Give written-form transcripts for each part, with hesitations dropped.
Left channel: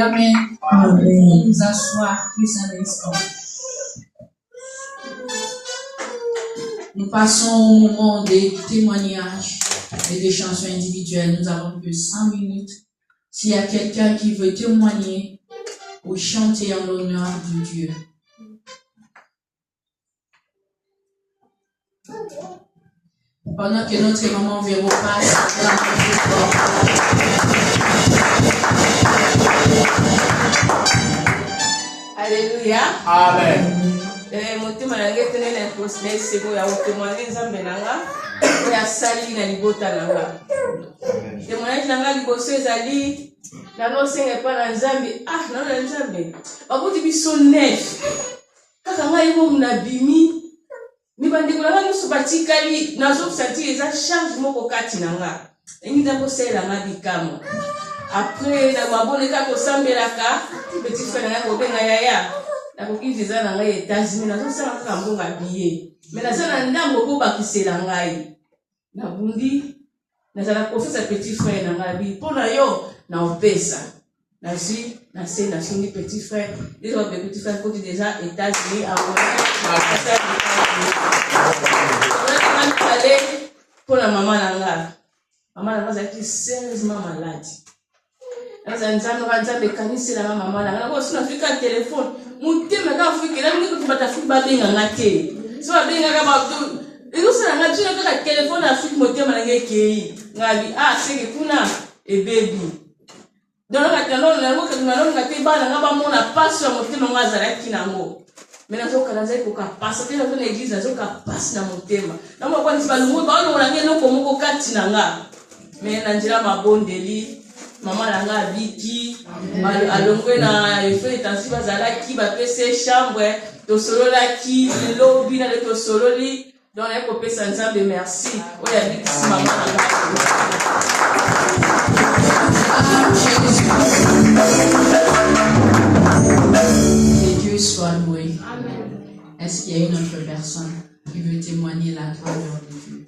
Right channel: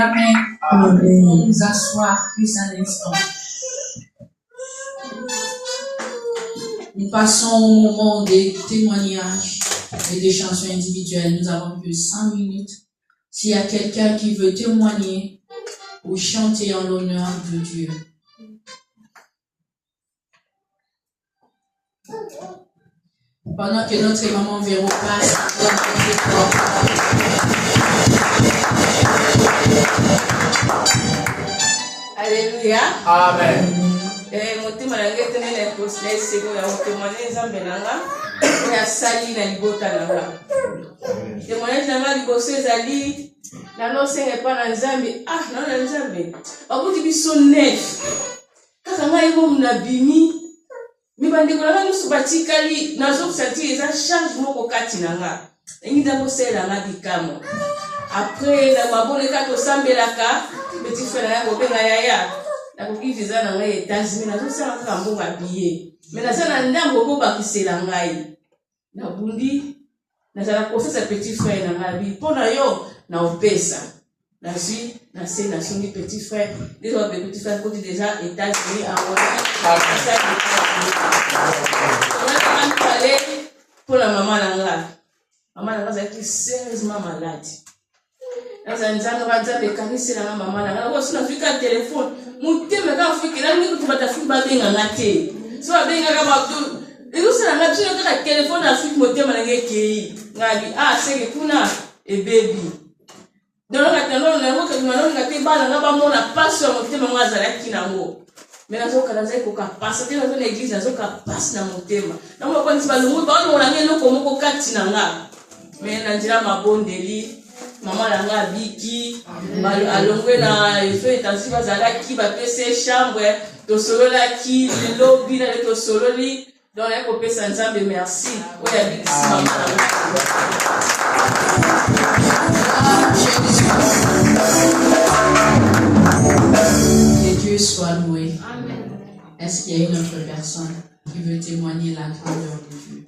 Amen. Nous nous asseoir plus un instant. Nous passons au moment des témoignages et des chansons individuelles. Nous avons plus 5 minutes. S'il y a quelqu'un qui veut témoigner ou chanter en l'honneur de Dieu. Pendant que notre maman Véro passe, Alléluia. Amen. Motima nange tenene posne sego ya témoigner nzambe nanga ya sali na libota nanga. Témoignage nanga liboso ezali na no senga pa na nzambe na nzambe. Bakuti biso nef. Kaka ngai mo mnabimi mibandiko nanga nyonso batikali nazosentir eza charge moko kati nanga. Ngi kosala nga bikamo. Après na maboneka kosambelaka petit frère nanga kobenga yaya. Nakoki visa na ngai États-Unis nazosala kaka mbongo billet. Mais nazala ndambo ko bakisela ngai. Nabundi nazala professeur petit frère na ngai pona yo na opesa. Nazi na songi petit frère. Déjà petit frère côté déjà États-Unis à pour la maman nanga. Maman nanga est sérieusement malade. Dans un temps on de kanisi la maman nanga. Ko sina fika téléphone. Mutema ka fika la ngi ko batafi ba benga ngate. So ba benga ka ba iyo sala ngati yo ka téléphone afiki mutema nanga kei. Ngali senge kuna e baby. Dans le catalogue, on a vu que nous avons gâté bana na ba mona passe sur motema ngazala kinango. Mais nazo kalaza ko ka passe te dans l'église nazo ka passe na motema. Na mo kwa ntiba lumu ba no lange no ko moko kati nanga. Mais na njira mabondeli mama nanga biki alongwe na efe tansi bazala ki ba pese chambre to solo la ki le lobby na le to solo li dans les copes ensemble merci. Oya biki mama nanga. Que Dieu soit loué. Amen. Est-ce qu'il y a une autre personne qui veut témoigner la grandeur de Dieu?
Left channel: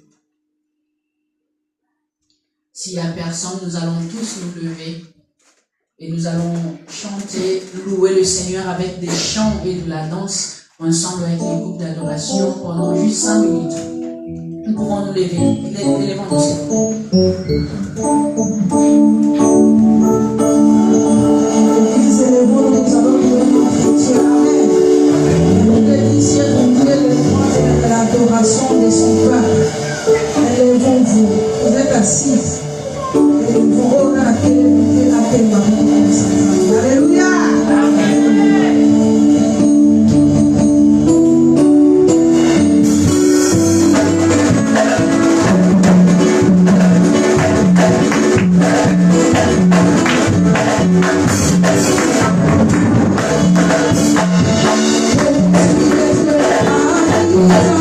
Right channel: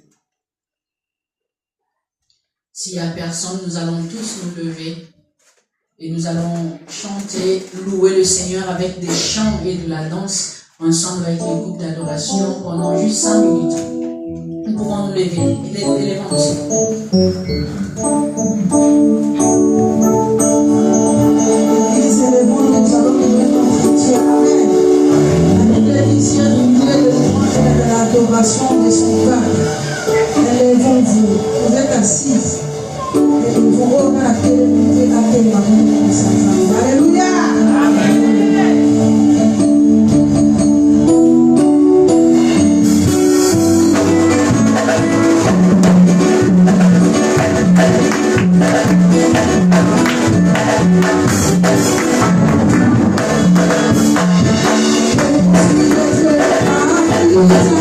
S'il n'y a personne, nous allons tous nous lever et nous allons chanter, louer le Seigneur avec des chants et de la danse ensemble avec les groupes d'adoration pendant juste 5 minutes. Nous pouvons nous lever. L'adoration des souverains. Élevons-vous. Vous êtes assis. Et vous regardez à quel moment. Alléluia. Yeah.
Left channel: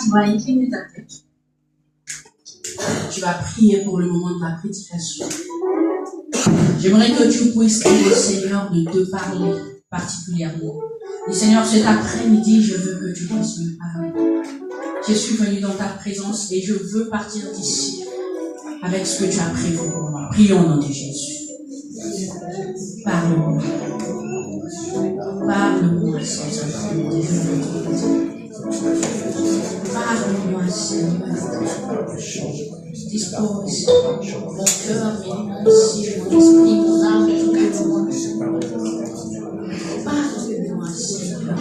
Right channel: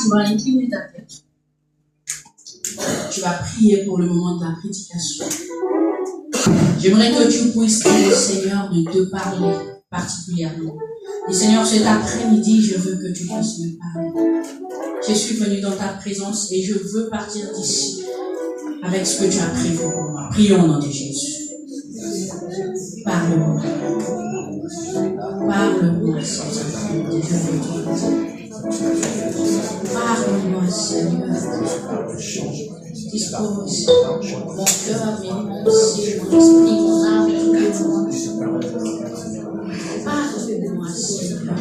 tu vas incliner ta tête. Tu vas prier pour le moment de la prédication. J'aimerais que tu puisses dire au Seigneur de te parler particulièrement. Et Seigneur, cet après-midi, je veux que tu puisses me parler. Je suis venu dans ta présence et je veux partir d'ici avec ce que tu as prévu pour moi. Prions au nom de Jésus. Parle-moi. Parle-moi, Seigneur. Parle-moi, Seigneur. Dispose mon cœur, mon esprit, mon âme, tout le monde. Parle-moi, Seigneur.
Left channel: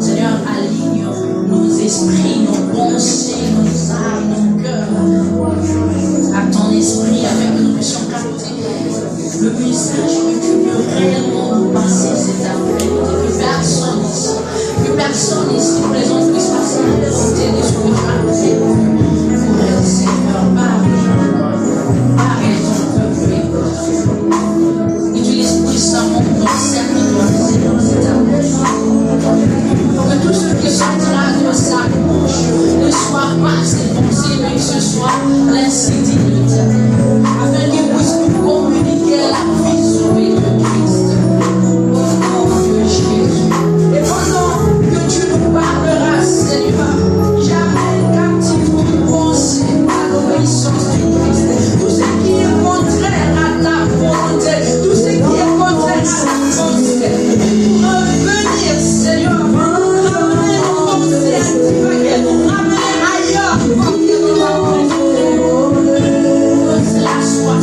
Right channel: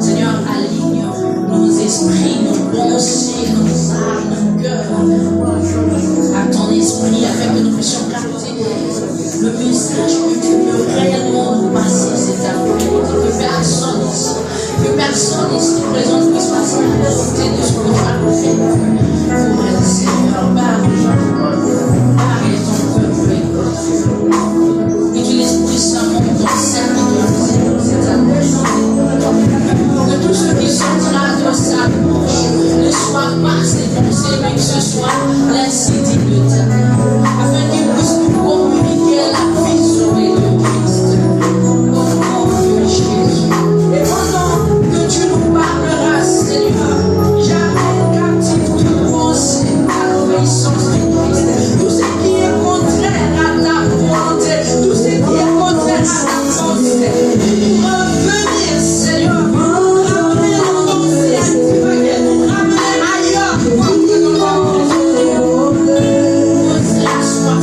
Seigneur, aligne nos esprits, nos pensées, nos âmes, nos cœurs à ton esprit, afin que nous puissions capter le message que tu veux réellement nous passer cet après-midi. Que personne ici présent puisse passer à côté de ce que tu as fait. Seigneur, parle ton peuple. Utilise puissamment ton serviteur, cet après-midi. Que tous ceux qui sont là de sa bouche ne soient pas ses pensées, mais que ce soit l'insidible de afin qu'ils puissent communiquer la vie sauvée de Christ. Au nom de Jésus. Et pendant que tu nous parleras, Seigneur, j'amène captif toute pensée à l'obéissance de Christ. Tout ce qui est contraire à ta volonté, tout ce qui est contraire à ta volonté, revenir, Seigneur, ramener nos pensées à divaguer, ramener ailleurs, parce que nous avons que cela soit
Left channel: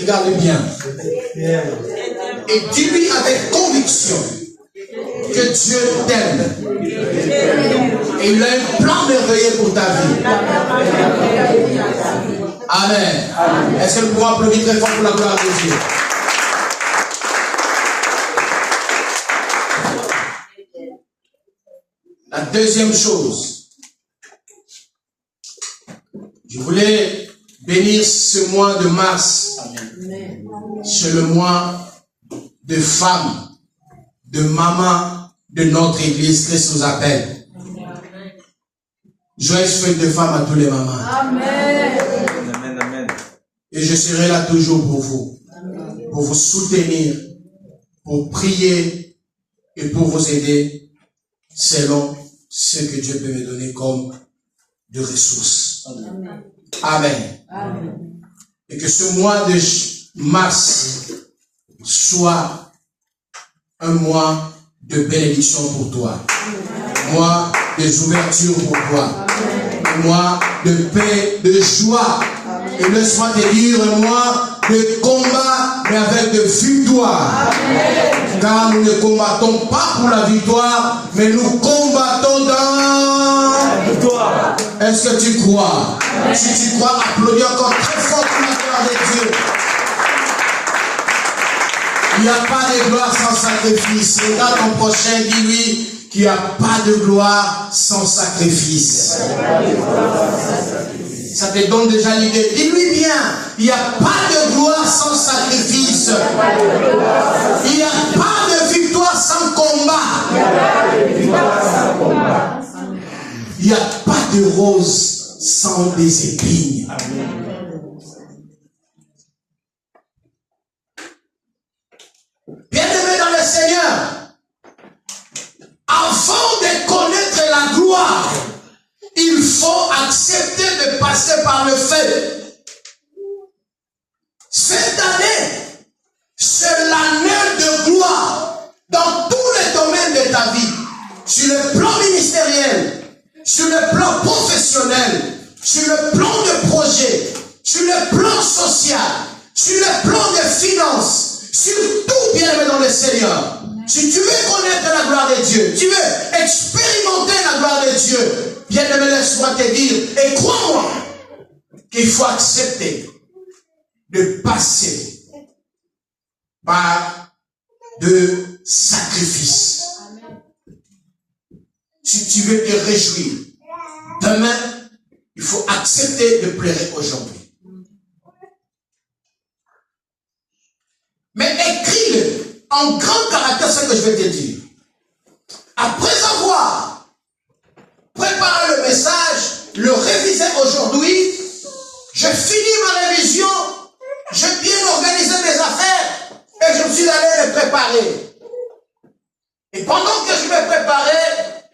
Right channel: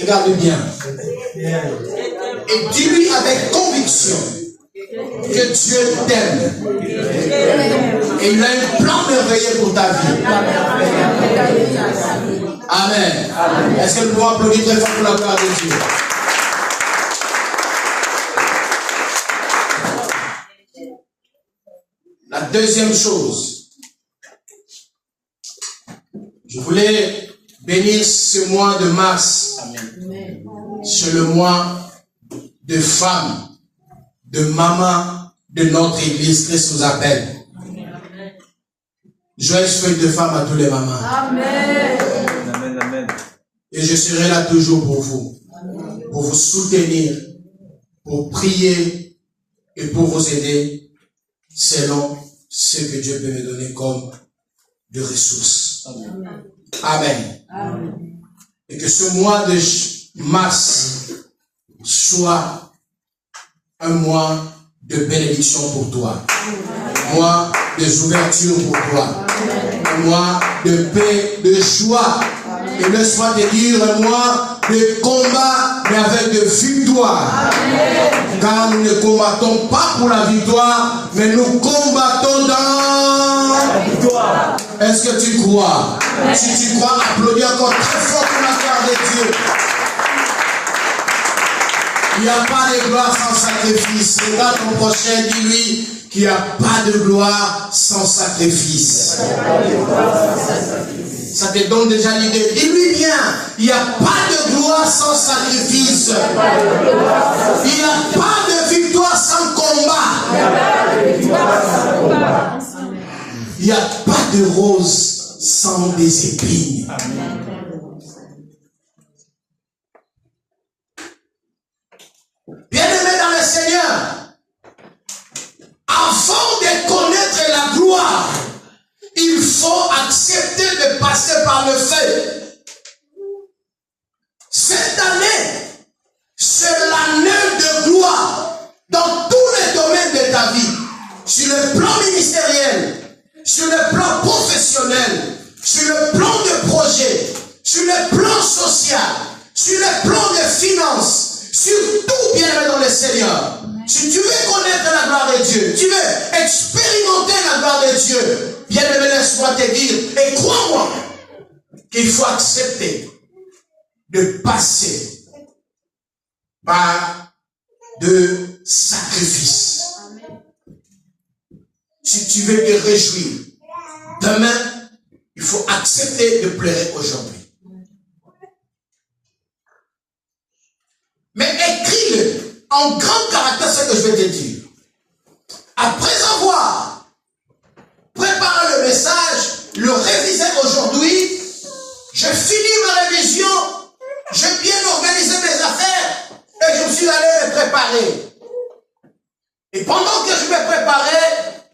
Regarde bien. Et dis-lui avec conviction que Dieu t'aime. Et il a un plan merveilleux pour ta vie. Amen. Est-ce que nous pouvons applaudir très fort pour la gloire de Dieu? La deuxième chose, je voulais bénir ce mois de mars. C'est le mois de femmes, de mamans de notre église. Christ nous appelle. Joyeuse feuille de femme à tous les mamans. Amen. Et je serai là toujours pour vous soutenir, pour prier et pour vous aider selon ce que Dieu peut me donner comme de ressources. Amen. Amen. Et que ce mois de mars soit un mois de bénédiction pour toi. Un mois de ouverture pour toi. Un mois de paix, de joie. Et ne soit de dire un mois de combat, mais avec de victoire. Car nous ne combattons pas pour la victoire, mais nous combattons dans la victoire. Est-ce que tu crois? Si tu crois, applaudis encore très fort pour la gloire de Dieu. Il n'y a pas de gloire sans sacrifice. Regarde ton prochain, dis-lui qu'il n'y a pas de gloire sans sacrifice. Ça te donne déjà l'idée. Dis-lui bien, il n'y a pas de gloire sans sacrifice. Il n'y a pas de victoire sans combat. Il n'y a pas de rose sans des épines. Bien-aimés dans le Seigneur, avant de connaître la gloire, il faut accepter de passer par le feu. Cette année, c'est l'année de gloire dans tous les domaines de ta vie. Sur le plan ministériel, sur le plan professionnel, sur le plan de projet, sur le plan social, sur le plan de finances, sur tout, bien-aimé dans le Seigneur. Si tu veux connaître la gloire de Dieu, tu veux expérimenter la gloire de Dieu, bien-aimé, laisse-moi te dire, et crois-moi, qu'il faut accepter de passer par de sacrifices. Si tu veux te réjouir, demain, il faut accepter de pleurer aujourd'hui. Mais écris-le en grand caractère, ce que je vais te dire. Après avoir préparé le message, le révisé aujourd'hui, je finis ma révision, j'ai bien organisé mes affaires et je me suis allé me préparer. Et pendant que je me préparais,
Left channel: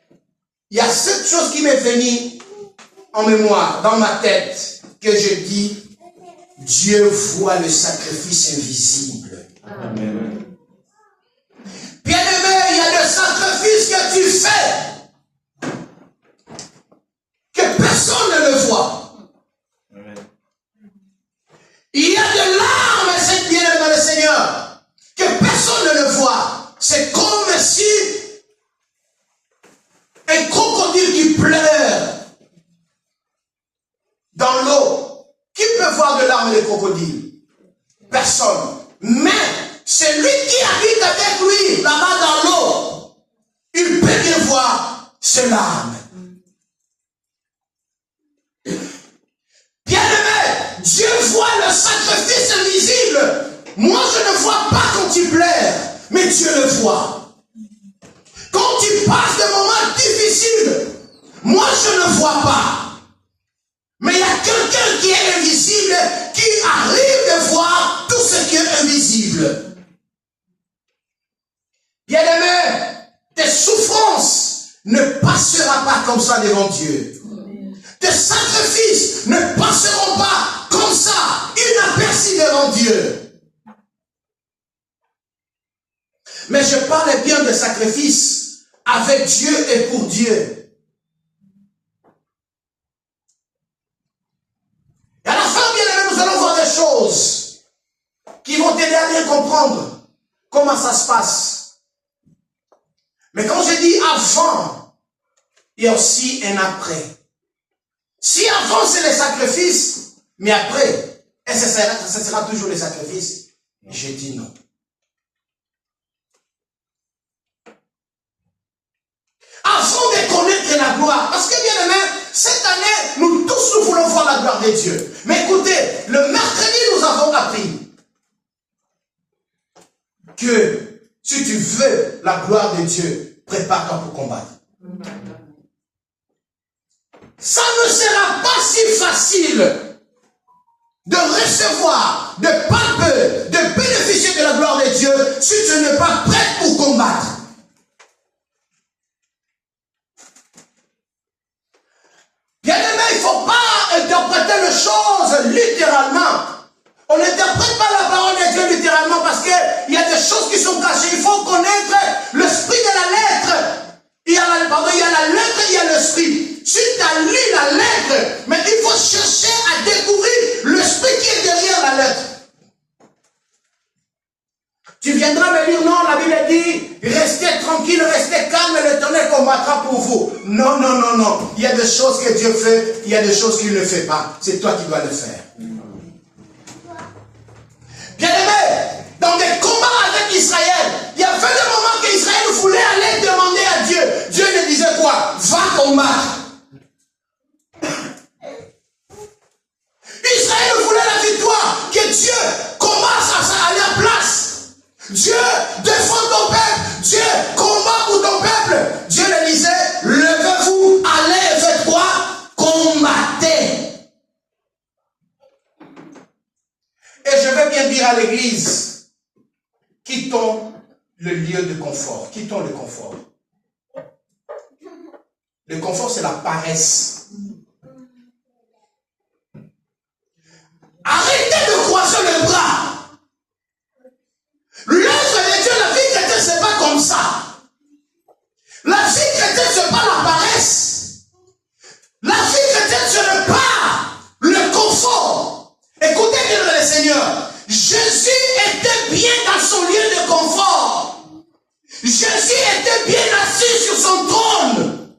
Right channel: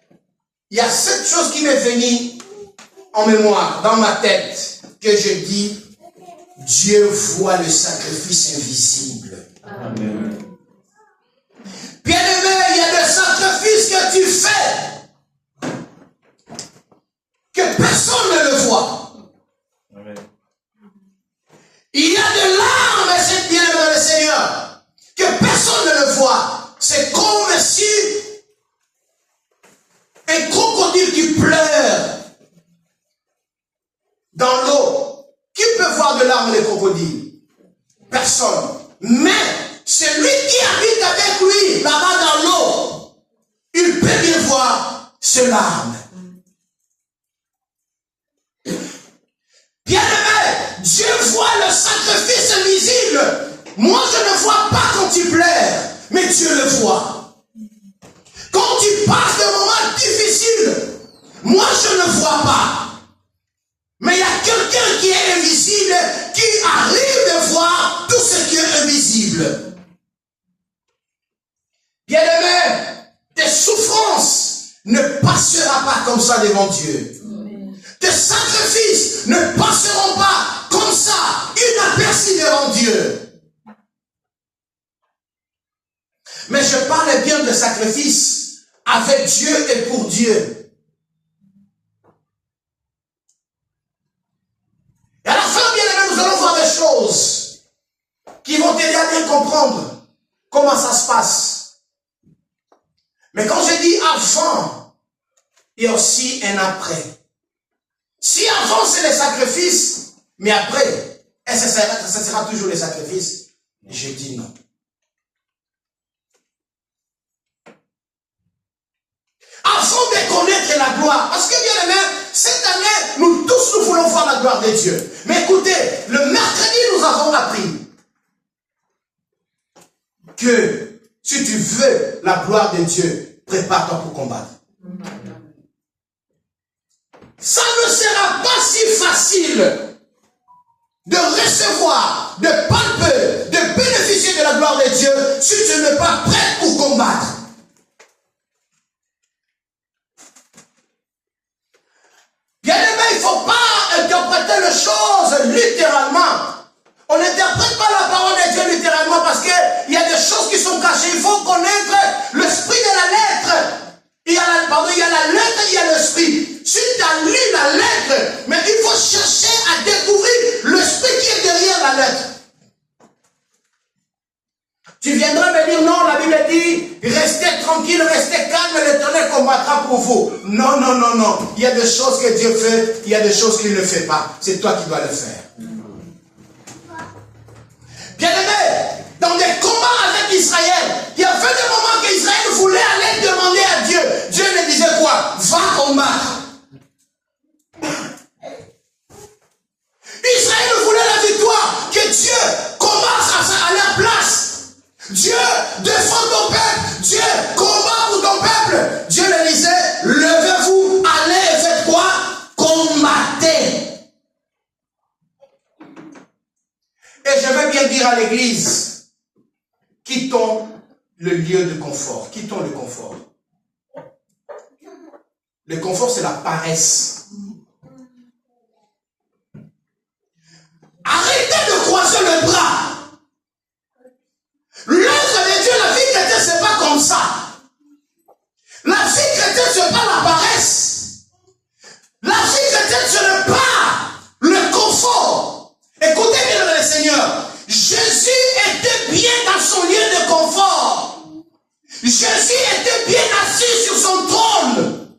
il y a cette chose qui m'est venue en mémoire, dans ma tête, que je dis, Dieu voit le sacrifice invisible. Amen. Bien-aimé, il y a des sacrifices que tu fais que personne ne le voit. Amen. Il y a de larmes, c'est bien-aimé le Seigneur, que personne ne le voit. C'est comme si un crocodile qui pleure dans l'eau. Qui peut voir de larmes les crocodiles? Personne. Mais celui qui habite avec lui, là-bas dans l'eau, il peut bien voir ses larmes. Bien-aimé, Dieu voit le sacrifice invisible. Moi, je ne vois pas quand il pleure, mais Dieu le voit. Quand il passe des moments difficiles, moi, je ne vois pas. Mais il y a quelqu'un qui est invisible, qui arrive de voir tout ce qui est invisible. Bien-aimé, tes souffrances ne passeront pas comme ça devant Dieu. Tes sacrifices ne passeront pas comme ça, inaperçus devant Dieu. Mais je parle bien de sacrifices avec Dieu et pour Dieu. Et à la fin, bien aimé, nous allons voir des choses qui vont t'aider à bien comprendre comment ça se passe. Mais quand je dis avant, il y a aussi un après. Si avant c'est les sacrifices, mais après, est-ce que ça sera toujours les sacrifices? Je dis non. Afin de connaître la gloire, parce que bien aimé, cette année, nous tous nous voulons voir la gloire de Dieu. Mais écoutez, le mercredi, nous avons appris que si tu veux la gloire de Dieu, prépare-toi pour combattre. Ça ne sera pas si facile de recevoir, de palper, de bénéficier de la gloire de Dieu si tu n'es pas prêt pour combattre. tranquille, restez calme, l'Éternel combattra pour vous. Non, non, non, non. Il y a des choses que Dieu fait, il y a des choses qu'il ne fait pas. C'est toi qui dois le faire. Bien-aimé, dans des combats avec Israël, il y avait des moments qu'Israël voulait aller demander à Dieu. Dieu lui disait quoi? Va combattre. Israël voulait la victoire, que Dieu commence à leur place. Dieu défend ton peuple, Dieu combat pour ton peuple. Dieu lui disait, levez-vous, allez, faites quoi? Combattez. Et je veux bien dire à l'église, quittons le lieu de confort. Quittons le confort. Le confort, c'est la paresse. Arrêtez de croiser les bras. L'œuvre de Dieu, la vie chrétienne, c'est pas comme ça. La vie chrétienne, c'est pas la paresse. La vie chrétienne, ce n'est pas le confort. Écoutez bien le Seigneur. Jésus était bien dans son lieu de confort. Jésus était bien assis sur son trône.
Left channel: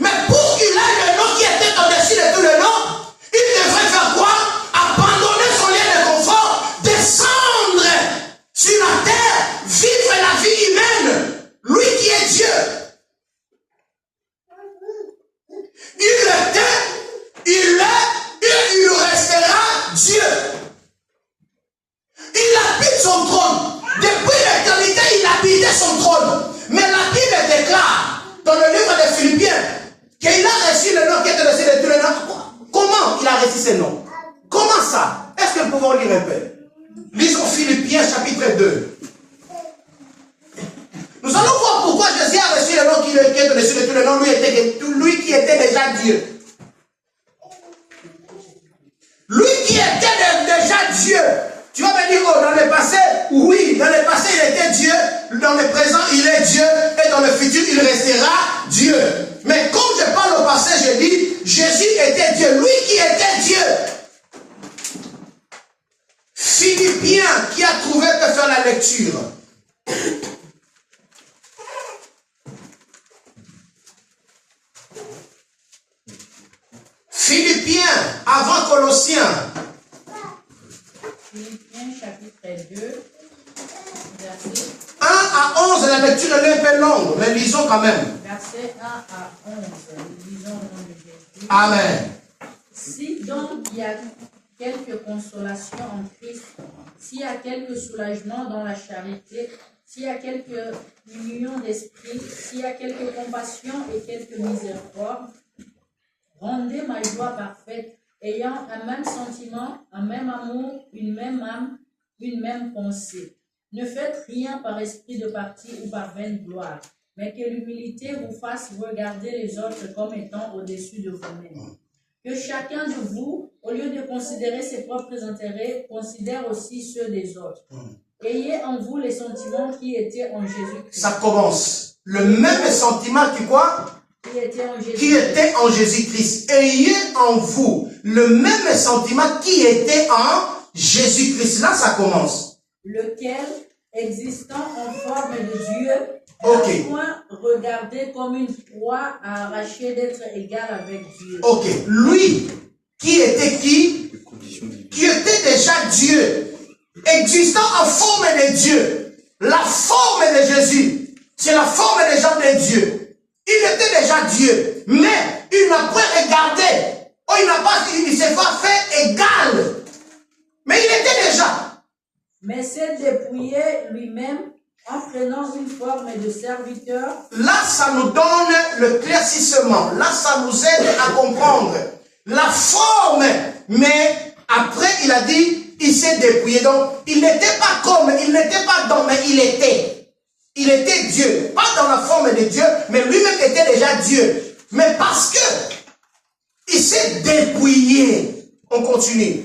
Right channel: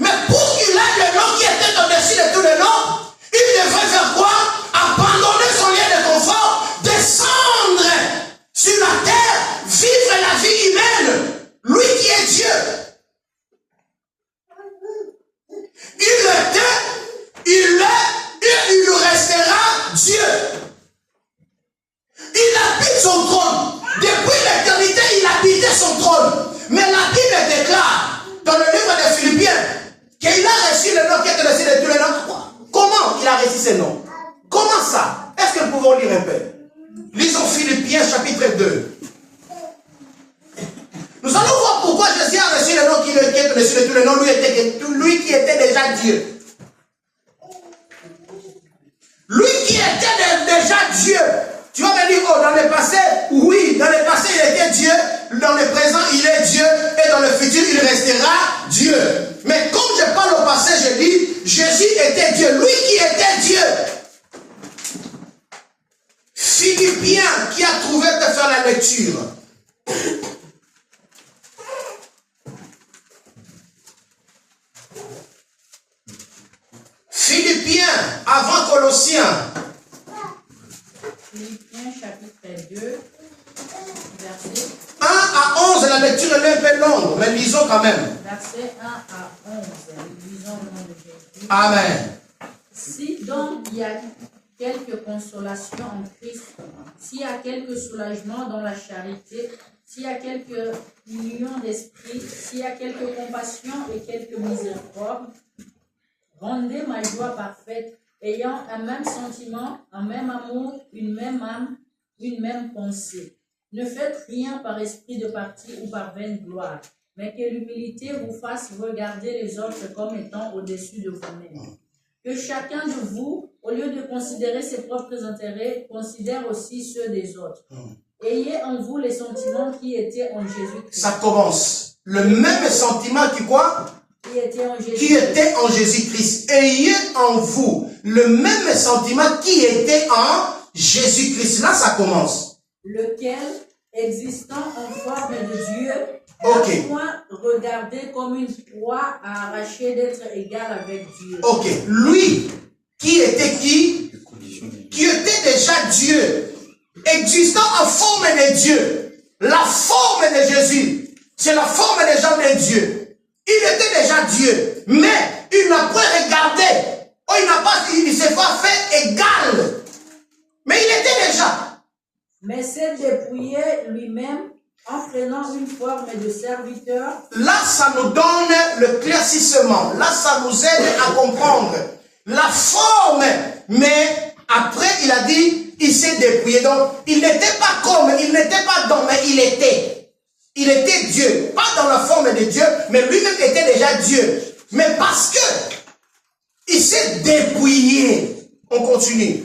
Mais pour qu'il ait le nom qui était au-dessus de tous les noms, il devrait faire quoi? Abandonner son lieu de confort, descendre sur la terre, vivre la vie humaine. Lui qui est Dieu. Il était, il est, et il restera Dieu. Il habite son trône. Depuis l'éternité, il habitait son trône. Mais la Bible déclare, dans le livre de Philippiens, qu'il a reçu le nom qui est au-dessus de tous les noms. Comment il a reçu ce nom? Comment ça? Est-ce que nous pouvons lire un peu? Lisons Philippiens chapitre 2. Nous allons voir pourquoi Jésus a reçu le nom qui est au-dessus de tous les noms, lui qui était déjà Dieu. Lui qui était déjà Dieu. Tu vas me dire, oh, dans le passé, oui, dans le passé il était Dieu, dans le présent il est Dieu, et dans le futur il restera Dieu. Mais comme je parle au passé, je dis, Jésus était Dieu, lui qui était Dieu. Philippiens, qui a trouvé de faire la lecture? Philippiens, avant Colossiens. Philippiens chapitre 2, verset 1 à 11, la lecture est un peu longue, mais lisons quand même. Verset 1 à 11, lisons au nom de Jésus. Amen. Si donc il y a quelque consolation en Christ, s'il y a quelque soulagement dans la charité, s'il y a quelque union d'esprit, s'il y a quelque compassion et quelque miséricorde, rendez ma joie parfaite, ayant un même sentiment, un même amour, une même âme, une même pensée. Ne faites rien par esprit de parti ou par vaine gloire, mais que l'humilité vous fasse regarder les autres comme étant au-dessus de vous-même. Que chacun de vous, au lieu de considérer ses propres intérêts, considère aussi ceux des autres. Ayez en vous les sentiments qui étaient en Jésus-Christ. Ça commence. Le même sentiment qui quoi? Qui était en Jésus-Christ. Ayez en vous le même sentiment qui était en Jésus-Christ. Là, ça commence. Lequel, existant en forme de Dieu, Ok. n'a point regardé comme une proie à arracher d'être égal avec Dieu. Ok. Lui, qui était qui? Qui était déjà Dieu. Existant en forme de Dieu. La forme de Jésus, c'est la forme déjà de Dieu. Il était déjà Dieu, mais il n'a pas regardé. Oh, il ne s'est pas fait égal. Mais il était déjà. Mais s'est dépouillé lui-même en prenant une forme de serviteur. Là, ça nous donne le claircissement. Là, ça nous aide à comprendre la forme. Mais après, il a dit, il s'est dépouillé. Donc, il n'était pas comme, il n'était pas dans, mais il était. Il était Dieu. Pas dans la forme de Dieu, mais lui-même était déjà Dieu. Mais parce que il s'est dépouillé. On continue.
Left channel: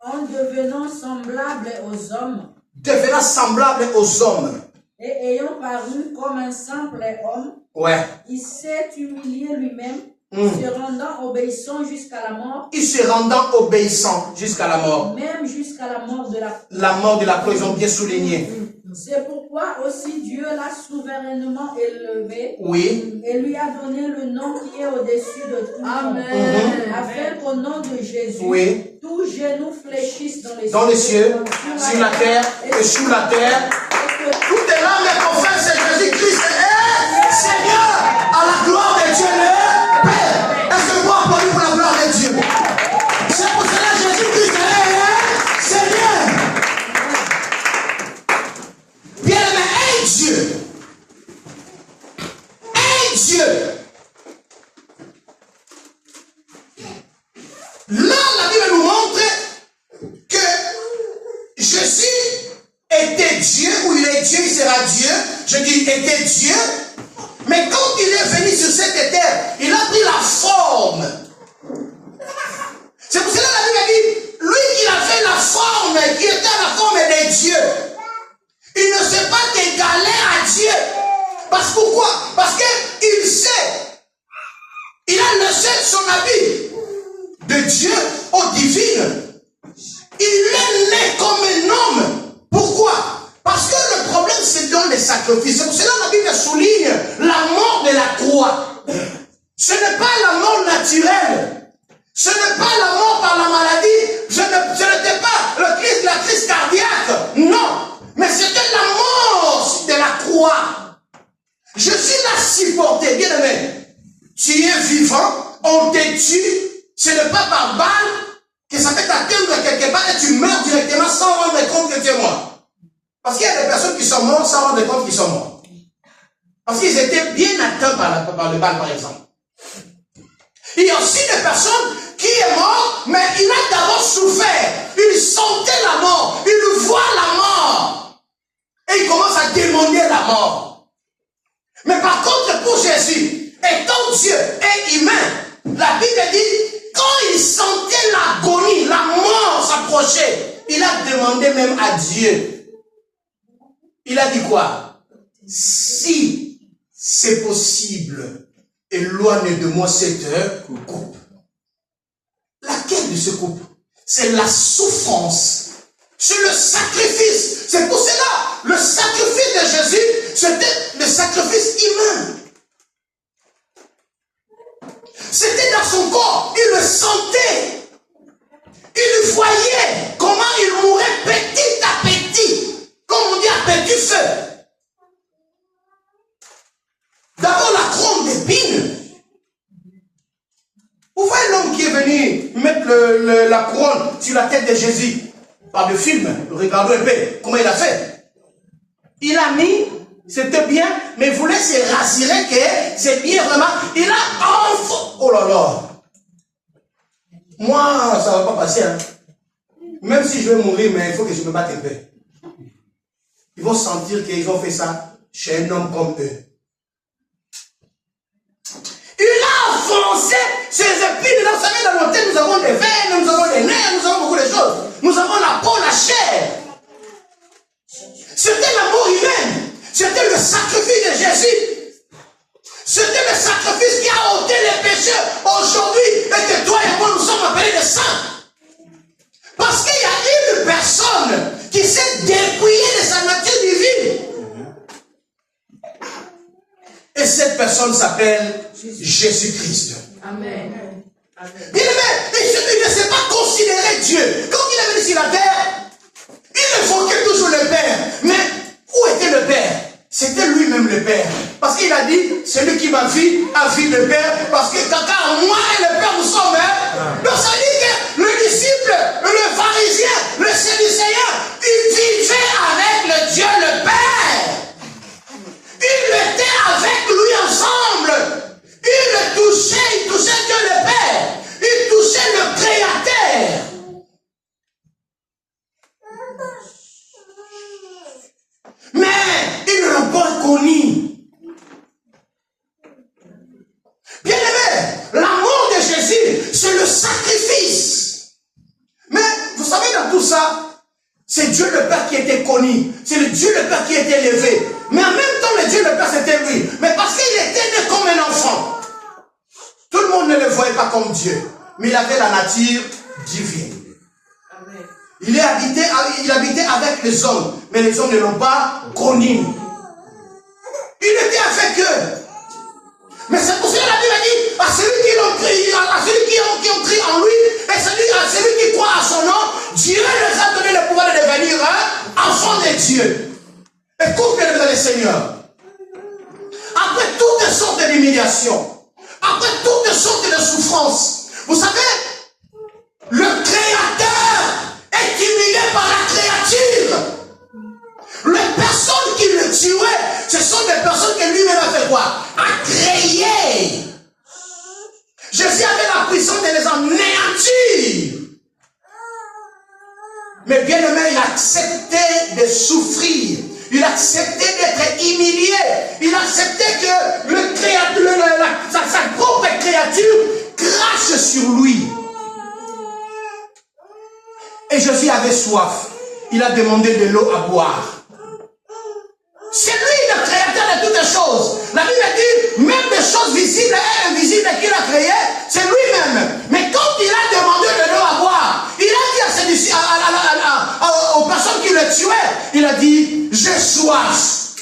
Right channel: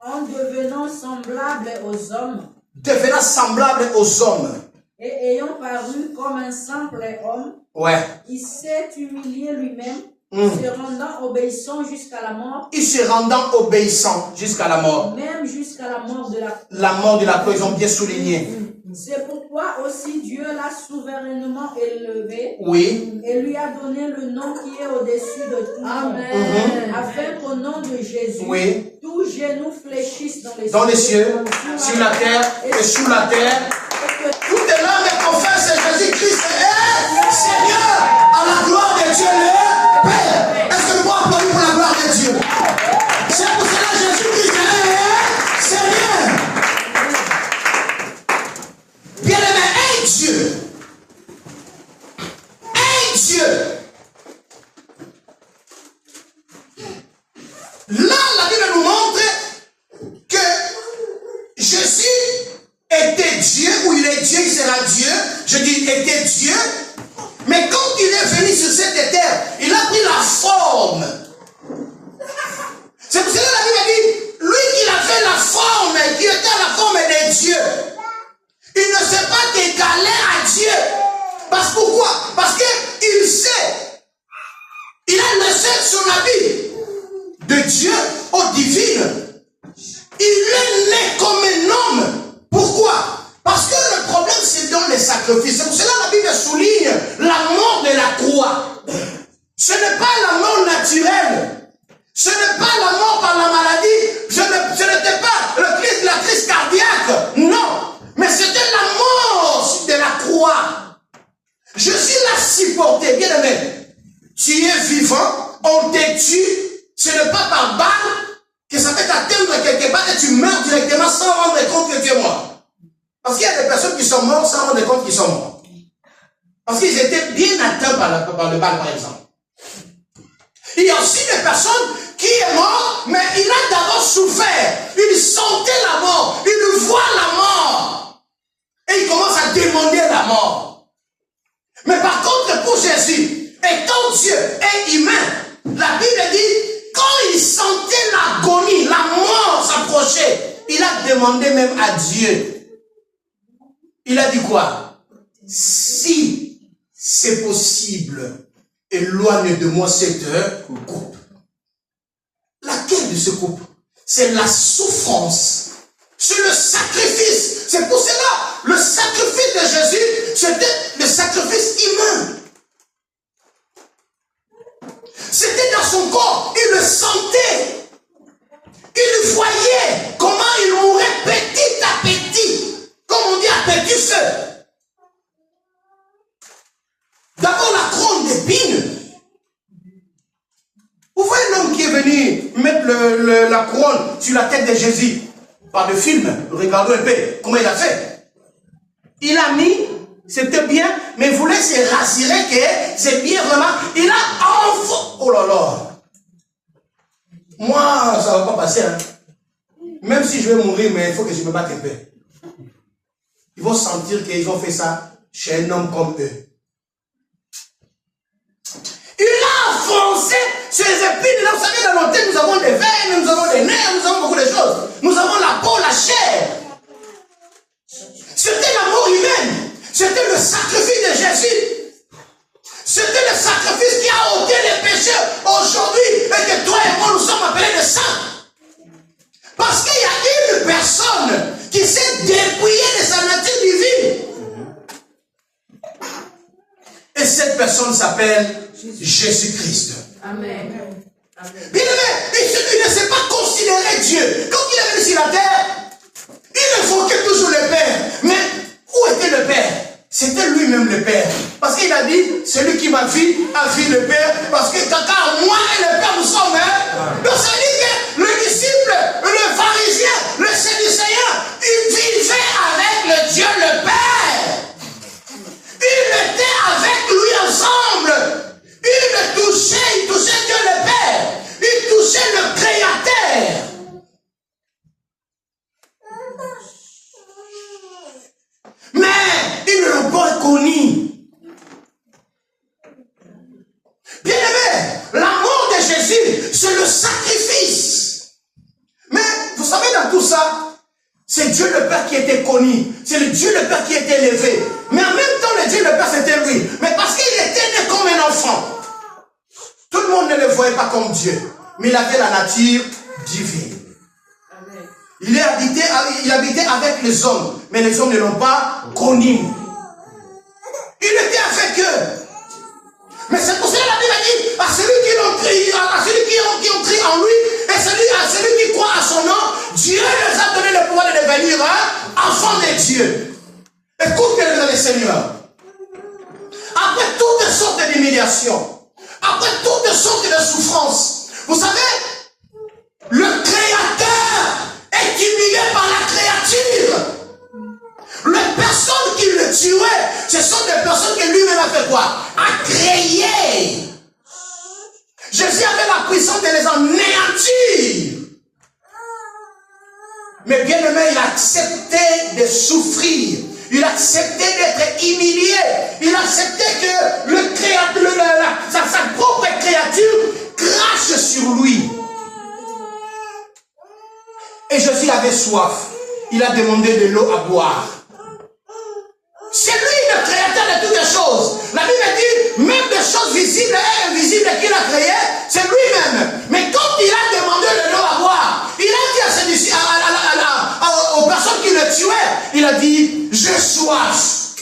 En devenant semblable aux hommes. Devenant semblable aux hommes. Et ayant paru comme un simple homme. Ouais. Il s'est humilié lui-même, se rendant obéissant jusqu'à la mort. Il se rendant obéissant jusqu'à la mort. Même jusqu'à la mort de la croix. La mort de la croix, ils ont bien souligné. C'est pourquoi aussi Dieu l'a souverainement élevé. Oui. Et lui a donné le nom qui est au-dessus de tout. Amen. Afin qu'au nom de Jésus, Oui. tous genoux fléchissent Dans les cieux, sur la terre et sous la terre. Toutes les langues confessent que Jésus-Christ est Seigneur à la gloire de Dieu le Père. Est-ce que vous pouvez applaudir pour la gloire de Dieu? C'est pour cela que Jésus-Christ est Seigneur. Bien-aimé, un Dieu. Un Dieu. Là, la Bible nous montre que Jésus était Dieu, ou il est Dieu, il sera Dieu. Je dis était Dieu. Mais quand il est venu sur cette terre, il a pris la forme. C'est pour cela que la Bible dit, lui, il a fait la forme, qui était la forme de Dieu. Il ne s'est pas égalé à Dieu. Parce pourquoi? Parce qu'il sait. Il a laissé son habit de Dieu au divin. Il est né comme un homme. Pourquoi? Parce que le problème, c'est dans les sacrifices. C'est pour cela que la Bible souligne la mort de la croix. Ce n'est pas la mort naturelle. Ce n'est pas la mort par la maladie. Ce n'était pas la crise cardiaque. Non. Mais c'était la mort de la croix. Je suis là supporté. Bien aimé. Tu es vivant. On te tue. Ce n'est pas par balle que ça peut t'atteindre quelque part et tu meurs directement sans rendre compte que tu es mort. Parce qu'il y a des personnes qui sont mortes sans rendre compte qu'ils sont morts. Parce qu'ils étaient bien atteints par le balle, par exemple. Il y a aussi des personnes qui sont mortes, mais il a d'abord souffert. Il sentait la mort. Il voit la mort. Et il commence à demander la mort. Mais par contre, pour Jésus, étant Dieu et humain, la Bible dit, quand il sentait l'agonie, la mort s'approcher, il a demandé même à Dieu. Il a dit quoi? Si c'est possible, éloigne de moi cette coupe. Laquelle de ce coupe? C'est la souffrance. C'est le sacrifice. C'est pour cela, le sacrifice de Jésus, c'était le sacrifice humain. C'était dans son corps. Il le sentait. Il voyait comment il mourait petit à petit. Comme on dit à petit feu. D'abord la couronne d'épines. Vous voyez l'homme qui est venu mettre la couronne sur la tête de Jésus. Par le film, regardons un peu comment il a fait. Il a mis, c'était bien, mais il voulait se rassurer que c'est bien vraiment. Il a enfin. Oh là là. Moi, ça ne va pas passer. Hein. Même si je vais mourir, mais il faut que je me batte un peu. Ils vont sentir qu'ils ont fait ça chez un homme comme eux. Il a avancé ses épines. Vous savez, dans l'hôtel, nous avons des veines, nous avons des nerfs, nous avons beaucoup de choses. Nous avons la peau, la chair. C'était la mort humaine. C'était le sacrifice de Jésus. C'était le sacrifice qui a ôté les péchés aujourd'hui. Et que toi et moi, nous sommes appelés des saints. Parce qu'il y a une personne qui s'est dépouillée de sa nature divine. Et cette personne s'appelle Jésus-Christ. Amen. Bien aimé, il ne s'est pas considéré Dieu. Quand il est venu sur la terre, il évoquait toujours le Père. Mais où était le Père? C'était lui-même le Père. Parce qu'il a dit, celui qui m'a vu a vu le Père. Parce que quand moi et le Père nous sommes un. Donc ça dit que le disciple, le pharisien, le séducéen, il vivait avec le Dieu le Père. Il était avec lui ensemble. Il le touchait, il touchait Dieu le Père. Il touchait le Créateur. Mais ils ne l'ont pas reconnu. Bien aimé, la mort de Jésus, c'est le sacrifice. Mais vous savez, dans tout ça, c'est Dieu le Père qui était connu. C'est le Dieu le Père qui était élevé. Mais en même temps, le Dieu le Père, c'était lui. Mais parce qu'il était né comme un enfant. Tout le monde ne le voyait pas comme Dieu. Mais il avait la nature divine. Amen. Il habitait avec les hommes, mais les hommes ne l'ont pas connu. Il était avec eux. Mais c'est pour cela que la Bible dit à celui qui ont cru en lui, et à celui qui croit à son nom, Dieu les a donné le pouvoir de devenir enfants de Dieu. Écoutez le Seigneur. Après toutes sortes d'humiliations, après toutes sortes de souffrances, vous savez, le Créateur est humilié par la créature. Les personnes qui le tuaient, ce sont des personnes que lui-même a fait quoi? A créé. Jésus avait la puissance de les anéantir. Mais bien aimé, il a accepté de souffrir. Il a accepté d'être humilié. Il a accepté que le créateur, sa propre créature crache sur lui. Et Jésus avait soif. Il a demandé de l'eau à boire. C'est lui le créateur de toutes les choses. La Bible dit, même des choses visibles et invisibles qu'il a créées, c'est lui-même. Mais quand il a demandé de l'eau à boire, il a dit aux personnes qui le tuaient, il a dit, j'ai soif.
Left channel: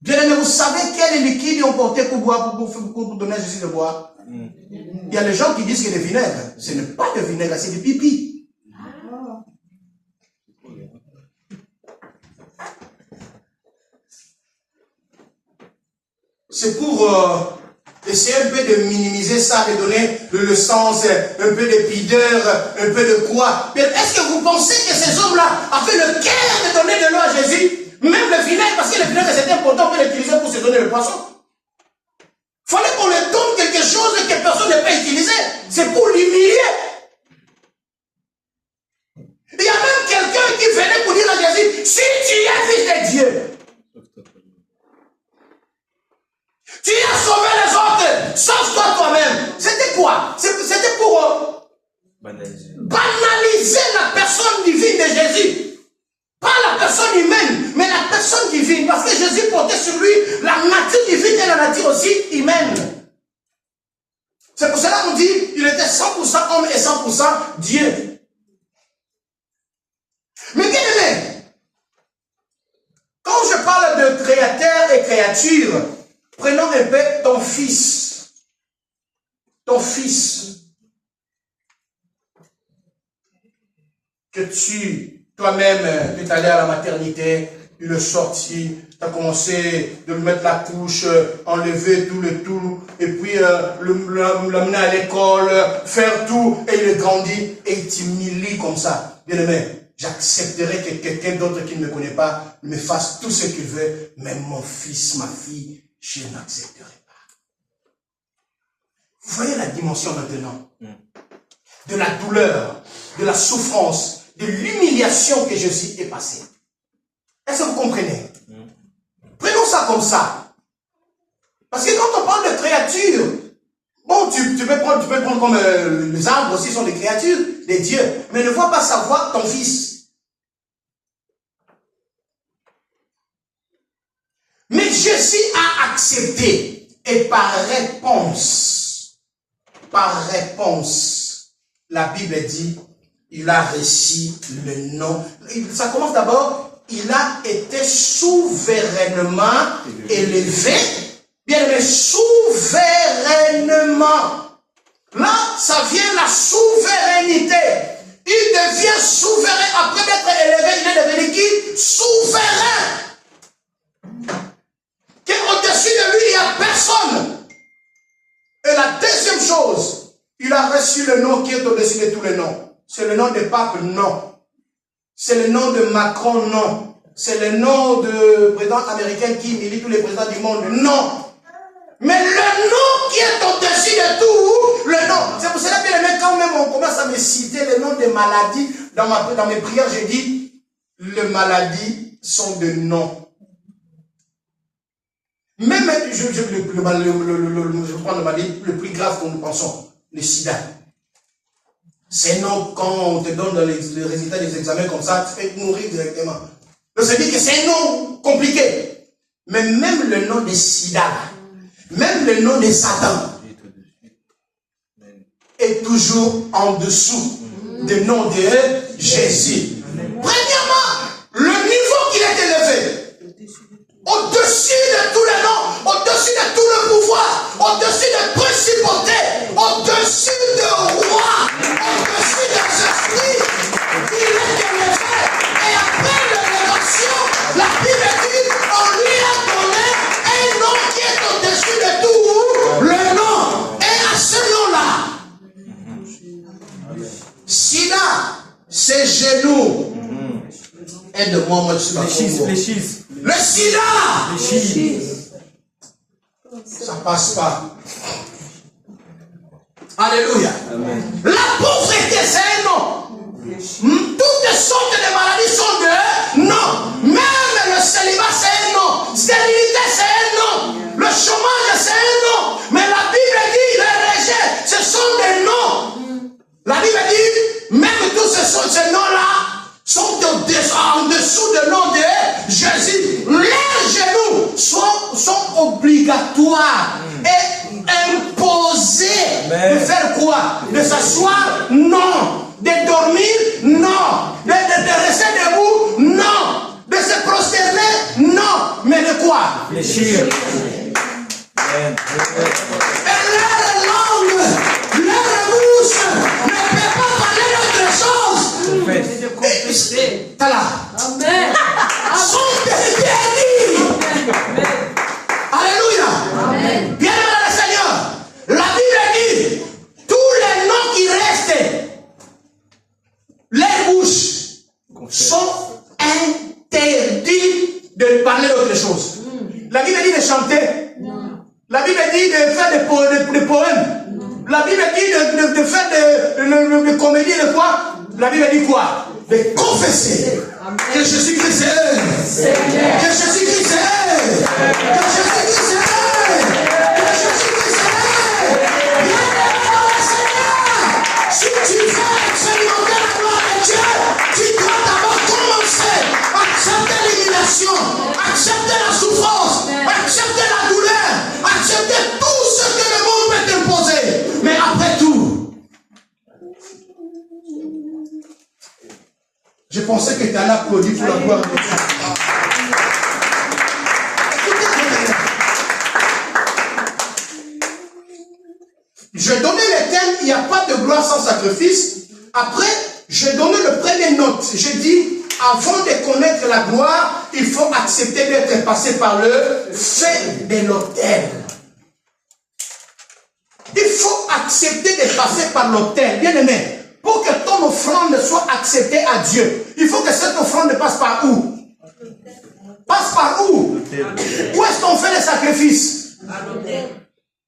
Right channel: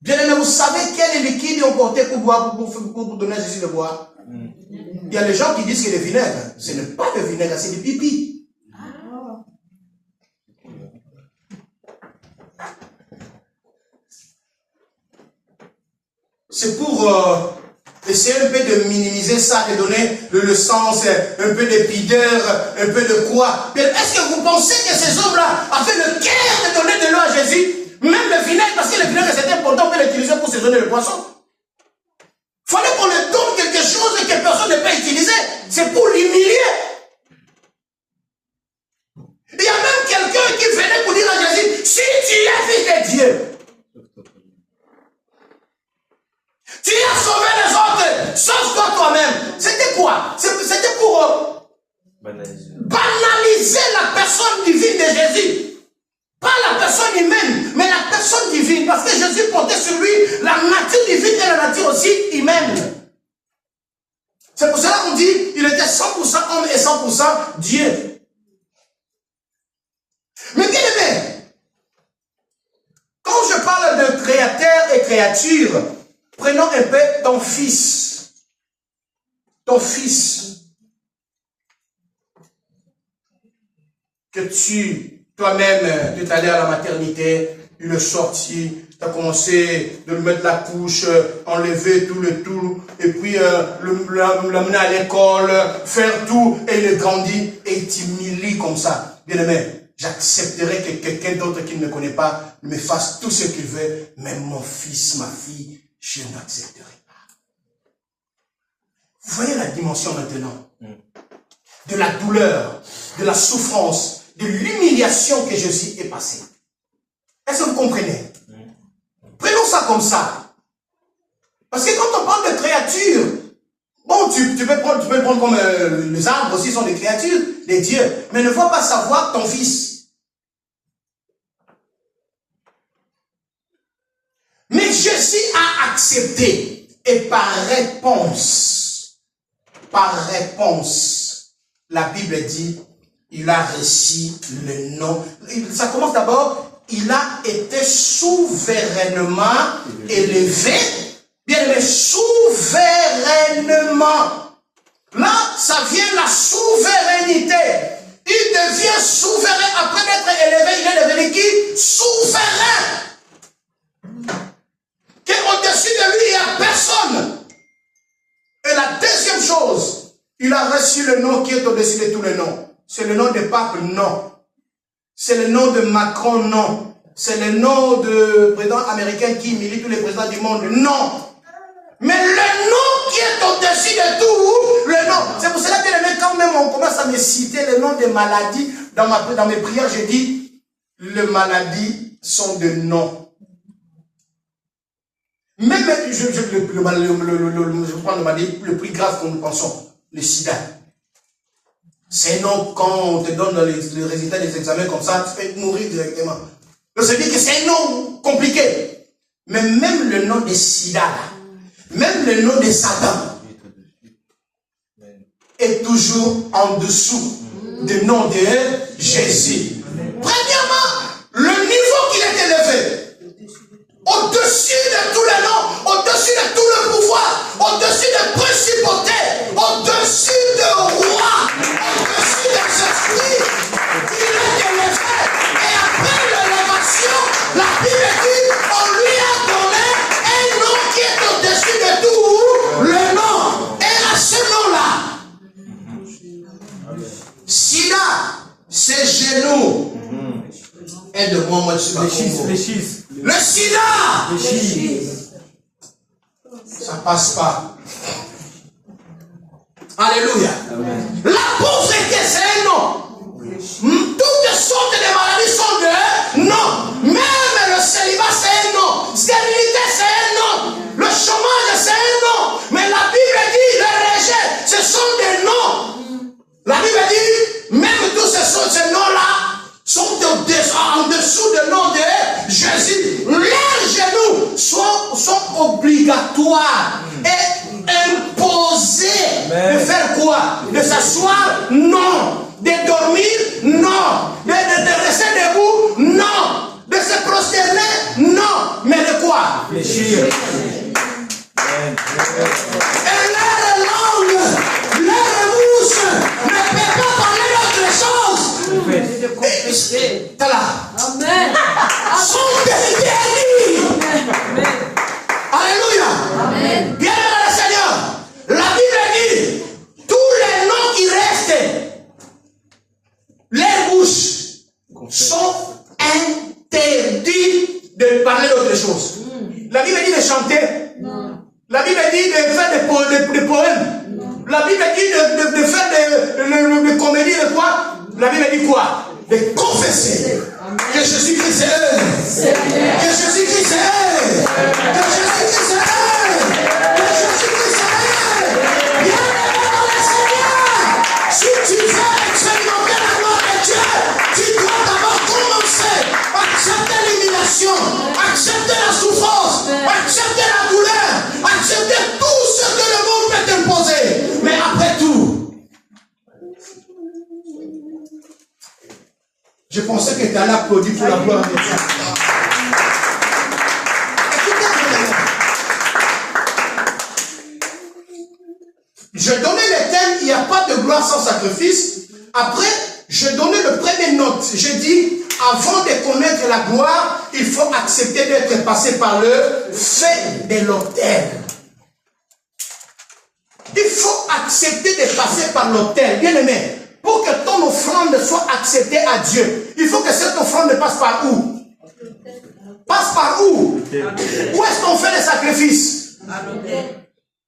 Bien aimé, vous savez quel liquide ils ont porté pour boire, pour donner à Jésus de boire? Il y a des gens qui disent que le vinaigre, ce n'est pas le vinaigre, c'est du pipi. C'est pour essayer un peu de minimiser ça, de donner le sens, un peu de pudeur, un peu de quoi. Mais est-ce que vous pensez que ces hommes-là avaient le cœur de donner de l'eau à Jésus? Même le vinaigre, parce que le vinaigre c'est important, on peut l'utiliser pour saisonner le poisson. Il fallait qu'on lui donne quelque chose que personne ne peut utiliser. C'est pour l'humilier. Il y a même quelqu'un qui venait pour dire à Jésus, si tu es fils de Dieu, tu as sauvé les autres, sauve-toi toi-même. C'était quoi? C'était pour banaliser la personne divine de Jésus. Pas la personne humaine, mais la personne divine. Parce que Jésus portait sur lui la nature divine et la nature aussi humaine. C'est pour cela qu'on dit il était 100% homme et 100% Dieu. Mais bien aimé, quand je parle de créateur et créature, prenons un peu ton fils. Ton fils. Que toi-même, tu es allé à la maternité, il est sorti, tu as commencé de lui mettre la couche, enlever tout le tout, et puis l'amener à l'école, faire tout, et il est grandi, et il t'humilie comme ça. Bien aimé, j'accepterai que quelqu'un d'autre qui ne me connaît pas me fasse tout ce qu'il veut, même mon fils, ma fille, je n'accepterai pas. Vous voyez la dimension maintenant de la douleur, de la souffrance, de l'humiliation que Jésus est passé. Est-ce que vous comprenez? Prenons ça comme ça. Parce que quand on parle de créatures, bon, tu peux prendre comme les arbres aussi sont des créatures, des dieux, mais ne vois pas savoir ton fils. Mais Jésus a accepté, et par réponse, la Bible dit, il a reçu le nom. Ça commence d'abord, il a été souverainement élevé. Bien aimé, souverainement. Là, ça vient la souveraineté. Il devient souverain. Après d'être élevé, il est devenu qui? Souverain. Qu'au-dessus de lui, il n'y a personne. Et la deuxième chose, il a reçu le nom qui est au-dessus de tous les noms. C'est le nom de pape, non. C'est le nom de Macron, non. C'est le nom de président américain qui humilie tous les présidents du monde, non. Mais le nom qui est au-dessus de tout, le nom. C'est pour cela que les mecs, quand même, on commence à me citer le nom des maladies. Dans mes prières, j'ai dit, les maladies sont des noms. Même, je prends le maladie le plus grave que nous pensons, le sida. C'est non, quand on te donne le résultat des examens comme ça, tu peux mourir directement. Donc, ça veut dire que c'est un nom compliqué. Mais même le nom de sida, même le nom de Satan, est toujours en dessous du nom de Jésus. Premièrement, le niveau qu'il est élevé, au-dessus de tous les noms, au-dessus de tout le pouvoir, au-dessus des principautés, au-dessus des rois, au-dessus des esprits, il est élevé. Et après l'élévation, la Bible dit, on lui a donné un nom qui est au-dessus de tout le nom. Et à ce nom-là, Sida, ses genoux, aide-moi, moi je suis le sida, ça passe pas. Alléluia. La pauvreté, c'est un nom. Toutes sortes de maladies sont de non. Même le célibat, c'est un nom. Stérilité, c'est un nom. Le chômage, c'est un nom. Mais la Bible dit, les rejets, ce sont des noms. La Bible dit, même tous ces noms-là sont en dessous du nom de Jésus. Leurs genoux sont obligatoires et imposés. De faire quoi? De s'asseoir? Non. De dormir? Non. De rester debout? Non. De se prosterner? Non. Mais de quoi? Fléchir. Et leur langue, leur bouche ne peut pas parler d'autre chose. T'as là. Amen. Sont guéris. Alléluia. Amen. Bien le Seigneur. La Bible dit, tous les noms qui restent, les bouches sont interdits de parler d'autre chose. La Bible dit de chanter. La Bible dit de faire des poèmes. La Bible dit de faire des comédies, de quoi? La Bible dit quoi? De confesser que Jésus-Christ est Seigneur. Que Jésus-Christ est que Jésus-Christ est que Jésus-Christ est bien le Seigneur. Si tu veux expérimenter la gloire de Dieu, tu dois d'abord commencer à accepter l'humiliation, accepter la souffrance, accepter la douleur, accepter tout ce que le monde peut t'imposer. Mais après tout, je pensais que tu allais applaudir pour la gloire de Dieu. Je donnais le thème, il n'y a pas de gloire sans sacrifice. Après, je donnais le premier note. Je dis, avant de connaître la gloire, il faut accepter d'être passé par le fait de l'autel. Il faut accepter de passer par l'autel. Bien aimé, pour que ton offrande soit acceptée à Dieu, il faut que cette offrande passe par où? Passe par où? Où est-ce qu'on fait les sacrifices?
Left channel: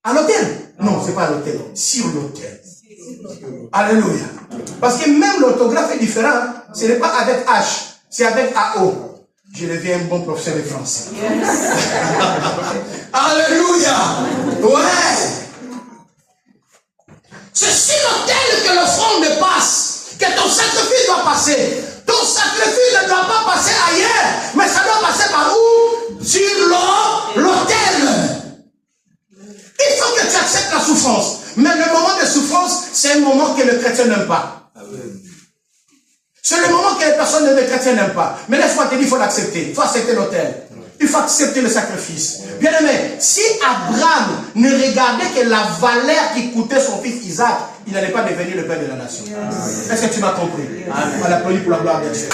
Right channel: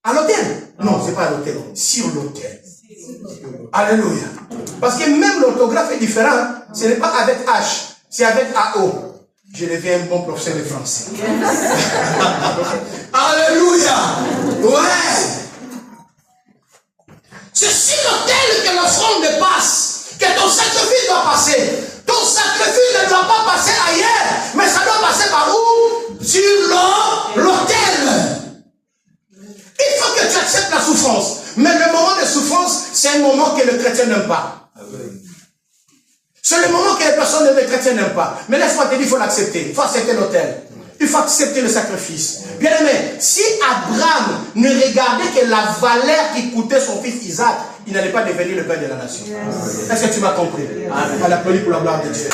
À l'autel. Non, ce n'est pas à l'autel. Sur l'autel. Alléluia. Parce que même l'orthographe est différente. Ce n'est pas avec H, c'est avec AO. Je deviens un bon professeur de français. Alléluia. Ouais. C'est sur l'autel que l'offrande passe, que ton sacrifice doit passer. Ton sacrifice ne doit pas passer ailleurs, mais ça doit passer par où? Sur l'autel. Il faut que tu acceptes la souffrance. Mais le moment de souffrance, c'est un moment que le chrétien n'aime pas. C'est le moment que les personnes de chrétien n'aiment pas. Mais laisse-moi te dire, il faut l'accepter. Il faut accepter l'autel. Il faut accepter le sacrifice. Bien aimé, si Abraham ne regardait que la valeur qui coûtait son fils Isaac, il n'allait pas devenir le père de la nation. Est-ce que tu m'as compris? On va l'applaudir pour la gloire de Dieu.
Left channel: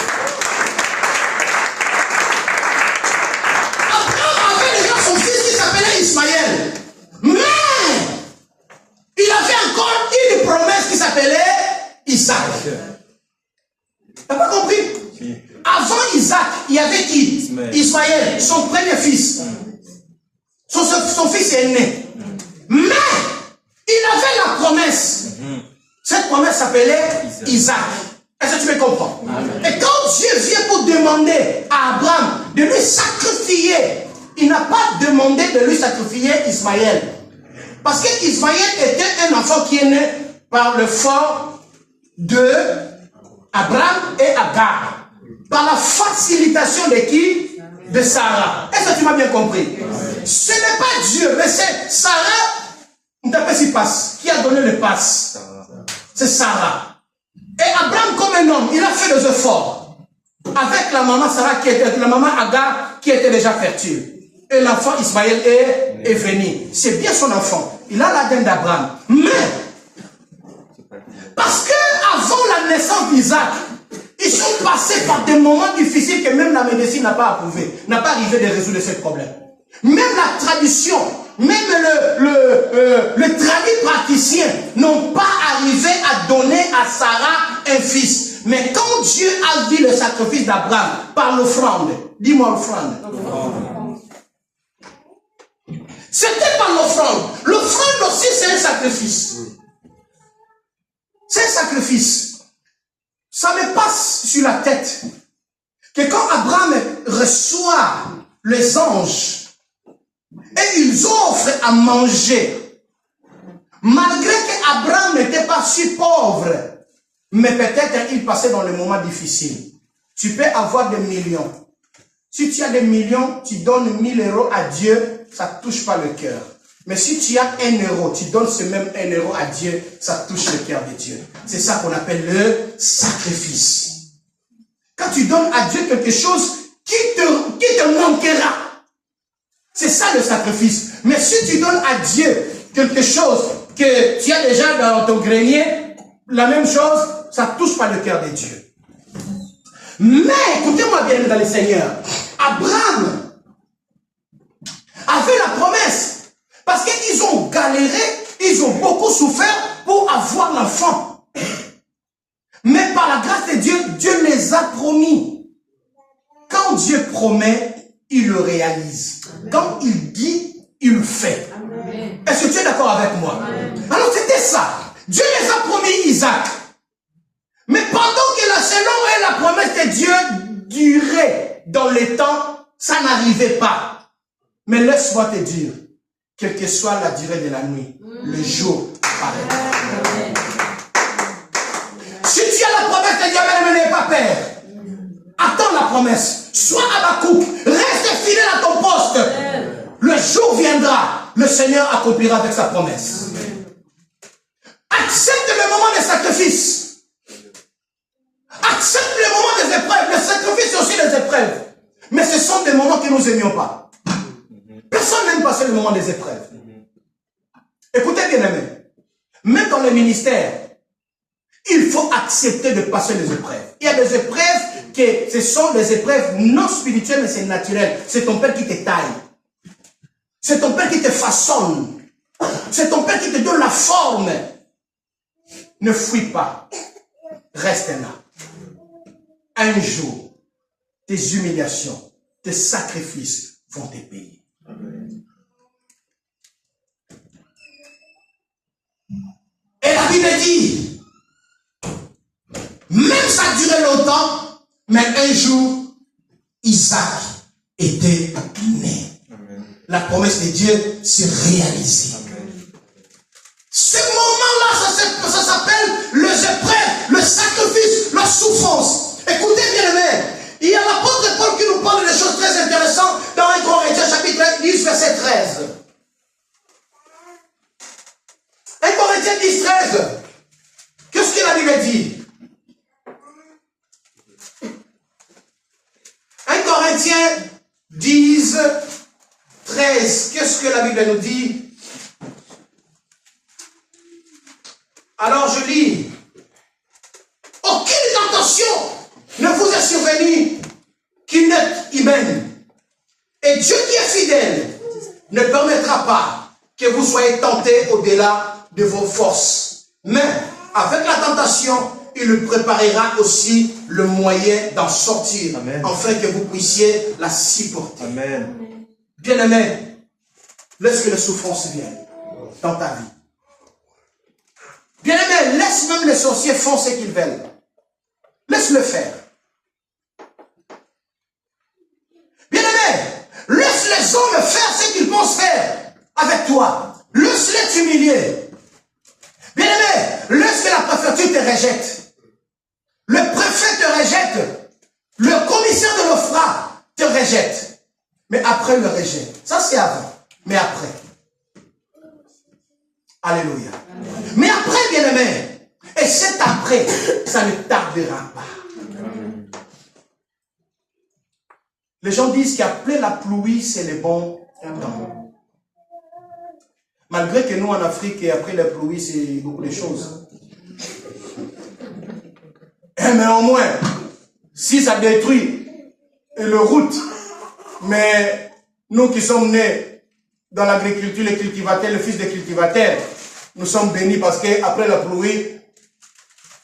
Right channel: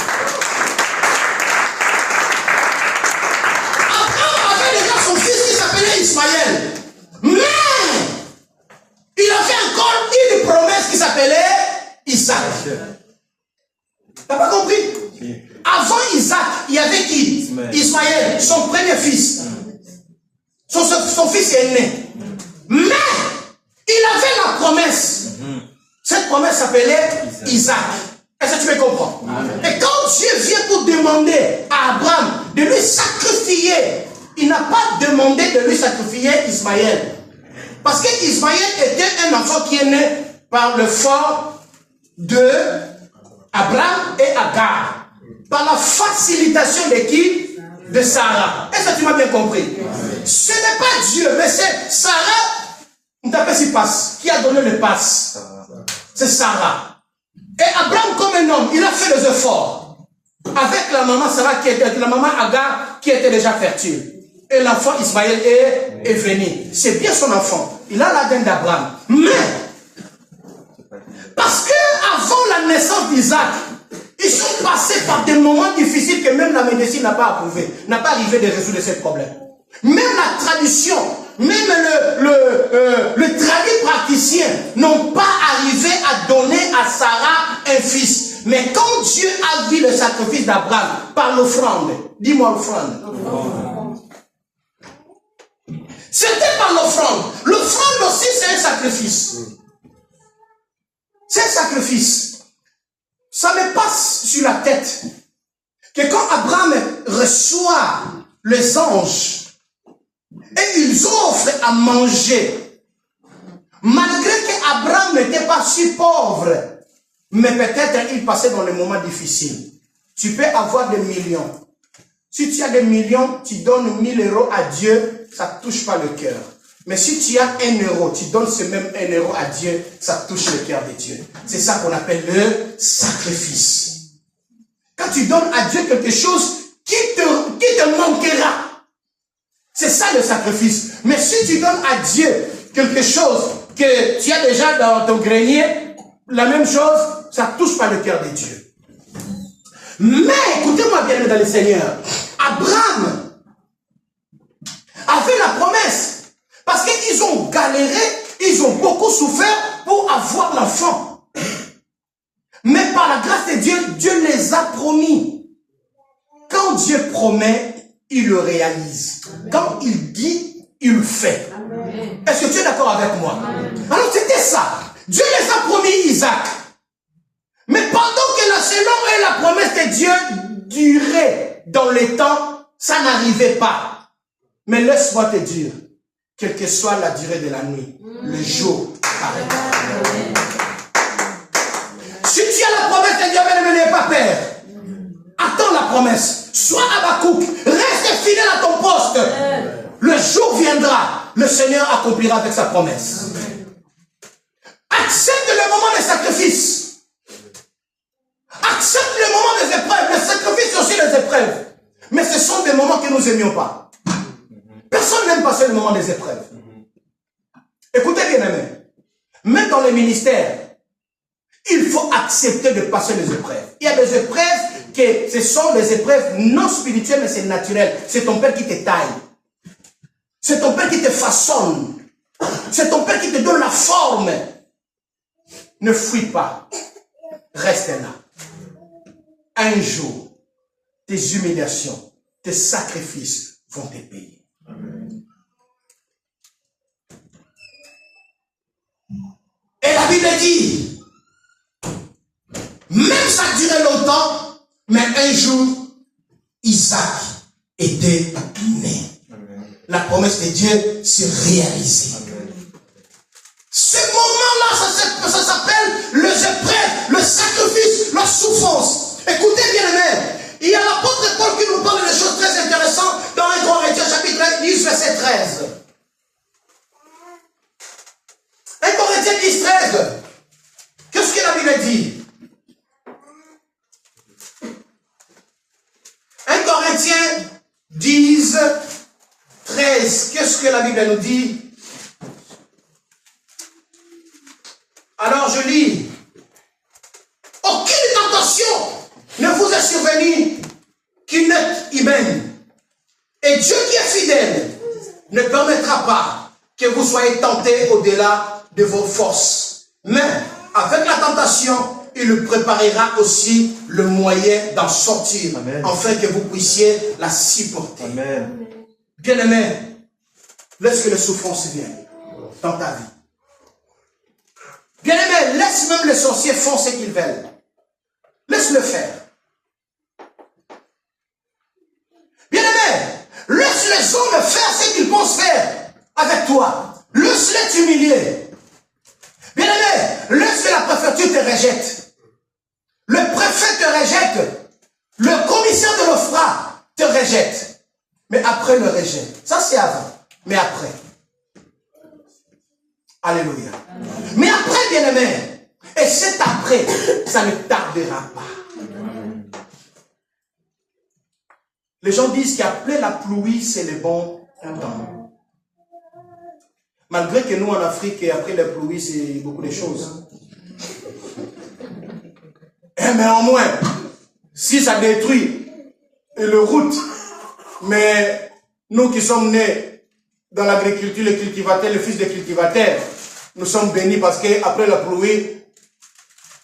Abraham avait déjà son fils qui s'appelait Ismaël. Mais il avait encore une promesse qui s'appelait Isaac. Tu n'as pas compris? Avant Isaac, il y avait qui? Ismaël, son premier fils. Son fils est né. Mais il avait la promesse. Cette promesse s'appelait Isaac. Est-ce que tu me comprends? Et quand Dieu vient pour demander à Abraham de lui sacrifier, il n'a pas demandé de lui sacrifier Ismaël. Parce que Ismaël était un enfant qui est né par le fort de Abraham et Agar. Par la facilitation de qui? De Sarah. Est-ce que tu m'as bien compris? Ce n'est pas Dieu, mais c'est Sarah. On t'appelle si passe. Qui a donné le passe? C'est Sarah. Et Abraham, comme un homme, il a fait des efforts. Avec la maman Sarah, la maman Agar, qui était déjà fertile. Et l'enfant Ismaël est venu. C'est bien son enfant. Il a l'ADN d'Abraham. Mais, parce qu'avant la naissance d'Isaac, ils sont passés par des moments difficiles que même la médecine n'a pas approuvé, n'a pas arrivé de résoudre ce problème. Même la tradition, même le tradit praticien n'ont pas arrivé à donner à Sarah un fils. Mais quand Dieu a vu le sacrifice d'Abraham par l'offrande, dis-moi l'offrande. C'était par l'offrande. L'offrande aussi, c'est un sacrifice. C'est un sacrifice. Ça me passe sur la tête que quand Abraham reçoit les anges et ils offrent à manger, malgré qu'Abraham n'était pas si pauvre, mais peut-être il passait dans les moments difficiles. Tu peux avoir des millions. Si tu as des millions, tu donnes 1000 € à Dieu, ça ne touche pas le cœur. Mais si tu as 1 euro, tu donnes ce même 1 euro à Dieu, ça touche le cœur de Dieu. C'est ça qu'on appelle le sacrifice. Quand tu donnes à Dieu quelque chose qui te manquera, c'est ça le sacrifice. Mais si tu donnes à Dieu quelque chose que tu as déjà dans ton grenier, la même chose, ça ne touche pas le cœur de Dieu. Mais, écoutez-moi bien dans le Seigneur, Abraham avait la promesse. Parce qu'ils ont galéré, ils ont beaucoup souffert pour avoir l'enfant. Mais par la grâce de Dieu, Dieu les a promis. Quand Dieu promet, il le réalise. Quand il dit, il le fait. Est-ce que tu es d'accord avec moi? Alors c'était ça. Dieu les a promis Isaac. Mais pendant que la selon et la promesse de Dieu durait dans le temps, ça n'arrivait pas. Mais laisse-moi te dire, quelle que soit la durée de la nuit, le jour arrive. Si tu as la promesse de Dieu, mais n'aie pas peur. Attends la promesse. Sois Habakkuk. Reste fidèle à ton poste. Le jour viendra. Le Seigneur accomplira avec sa promesse. Accepte le moment des sacrifices. Accepte le moment des épreuves. Le sacrifice aussi les épreuves. Mais ce sont des moments que nous n'aimions pas. Personne n'aime passer le moment des épreuves. Écoutez bien aimé. Même dans le ministère, il faut accepter de passer les épreuves. Il y a des épreuves que ce sont des épreuves non spirituelles, mais c'est naturel. C'est ton Père qui te taille. C'est ton Père qui te façonne. C'est ton Père qui te donne la forme. Ne fuis pas. Reste là. Un jour, tes humiliations, tes sacrifices vont te payer. Amen. Et la Bible dit, même ça durait longtemps, mais un jour, Isaac était né. Amen. La promesse de Dieu s'est réalisée. Amen. Ce moment-là, ça s'appelle les épreuves, le sacrifice, la souffrance. Écoutez bien aimé, il y a l'apôtre Paul qui nous parle de choses très intéressantes dans 1 Corinthiens chapitre 10, verset 13. 1 Corinthiens 10, 13. Qu'est-ce que la Bible dit? 1 Corinthiens 10, 13. Qu'est-ce que la Bible nous dit? Alors je lis. Aucune tentation ne vous est survenue qui n'est humaine. Et Dieu qui est fidèle ne permettra pas que vous soyez tentés au-delà de vos forces. Mais avec la tentation, il préparera aussi le moyen d'en sortir. Amen. Afin que vous puissiez la supporter. Amen. Bien-aimé, laisse que les souffrances viennent dans ta vie. Bien-aimé, laisse même les sorciers faire ce qu'ils veulent. Laisse-le faire. Bien-aimé, laisse les hommes faire ce qu'ils pensent faire avec toi. Laisse-les t'humilier. Bien-aimé, laisse que la préfecture te rejette. Le préfet te rejette. Le commissaire de l'OFRA te rejette. Mais après le rejet, ça c'est avant. Mais après. Alléluia. Amen. Mais après, bien-aimé, Et cet après, ça ne tardera pas. Les gens disent qu'après la pluie, c'est le bon temps. Malgré que nous, en Afrique, après la pluie, c'est beaucoup de choses. Mais au moins, si ça détruit le route, mais nous qui sommes nés dans l'agriculture, les cultivateurs, les fils des cultivateurs, nous sommes bénis parce qu'après la pluie,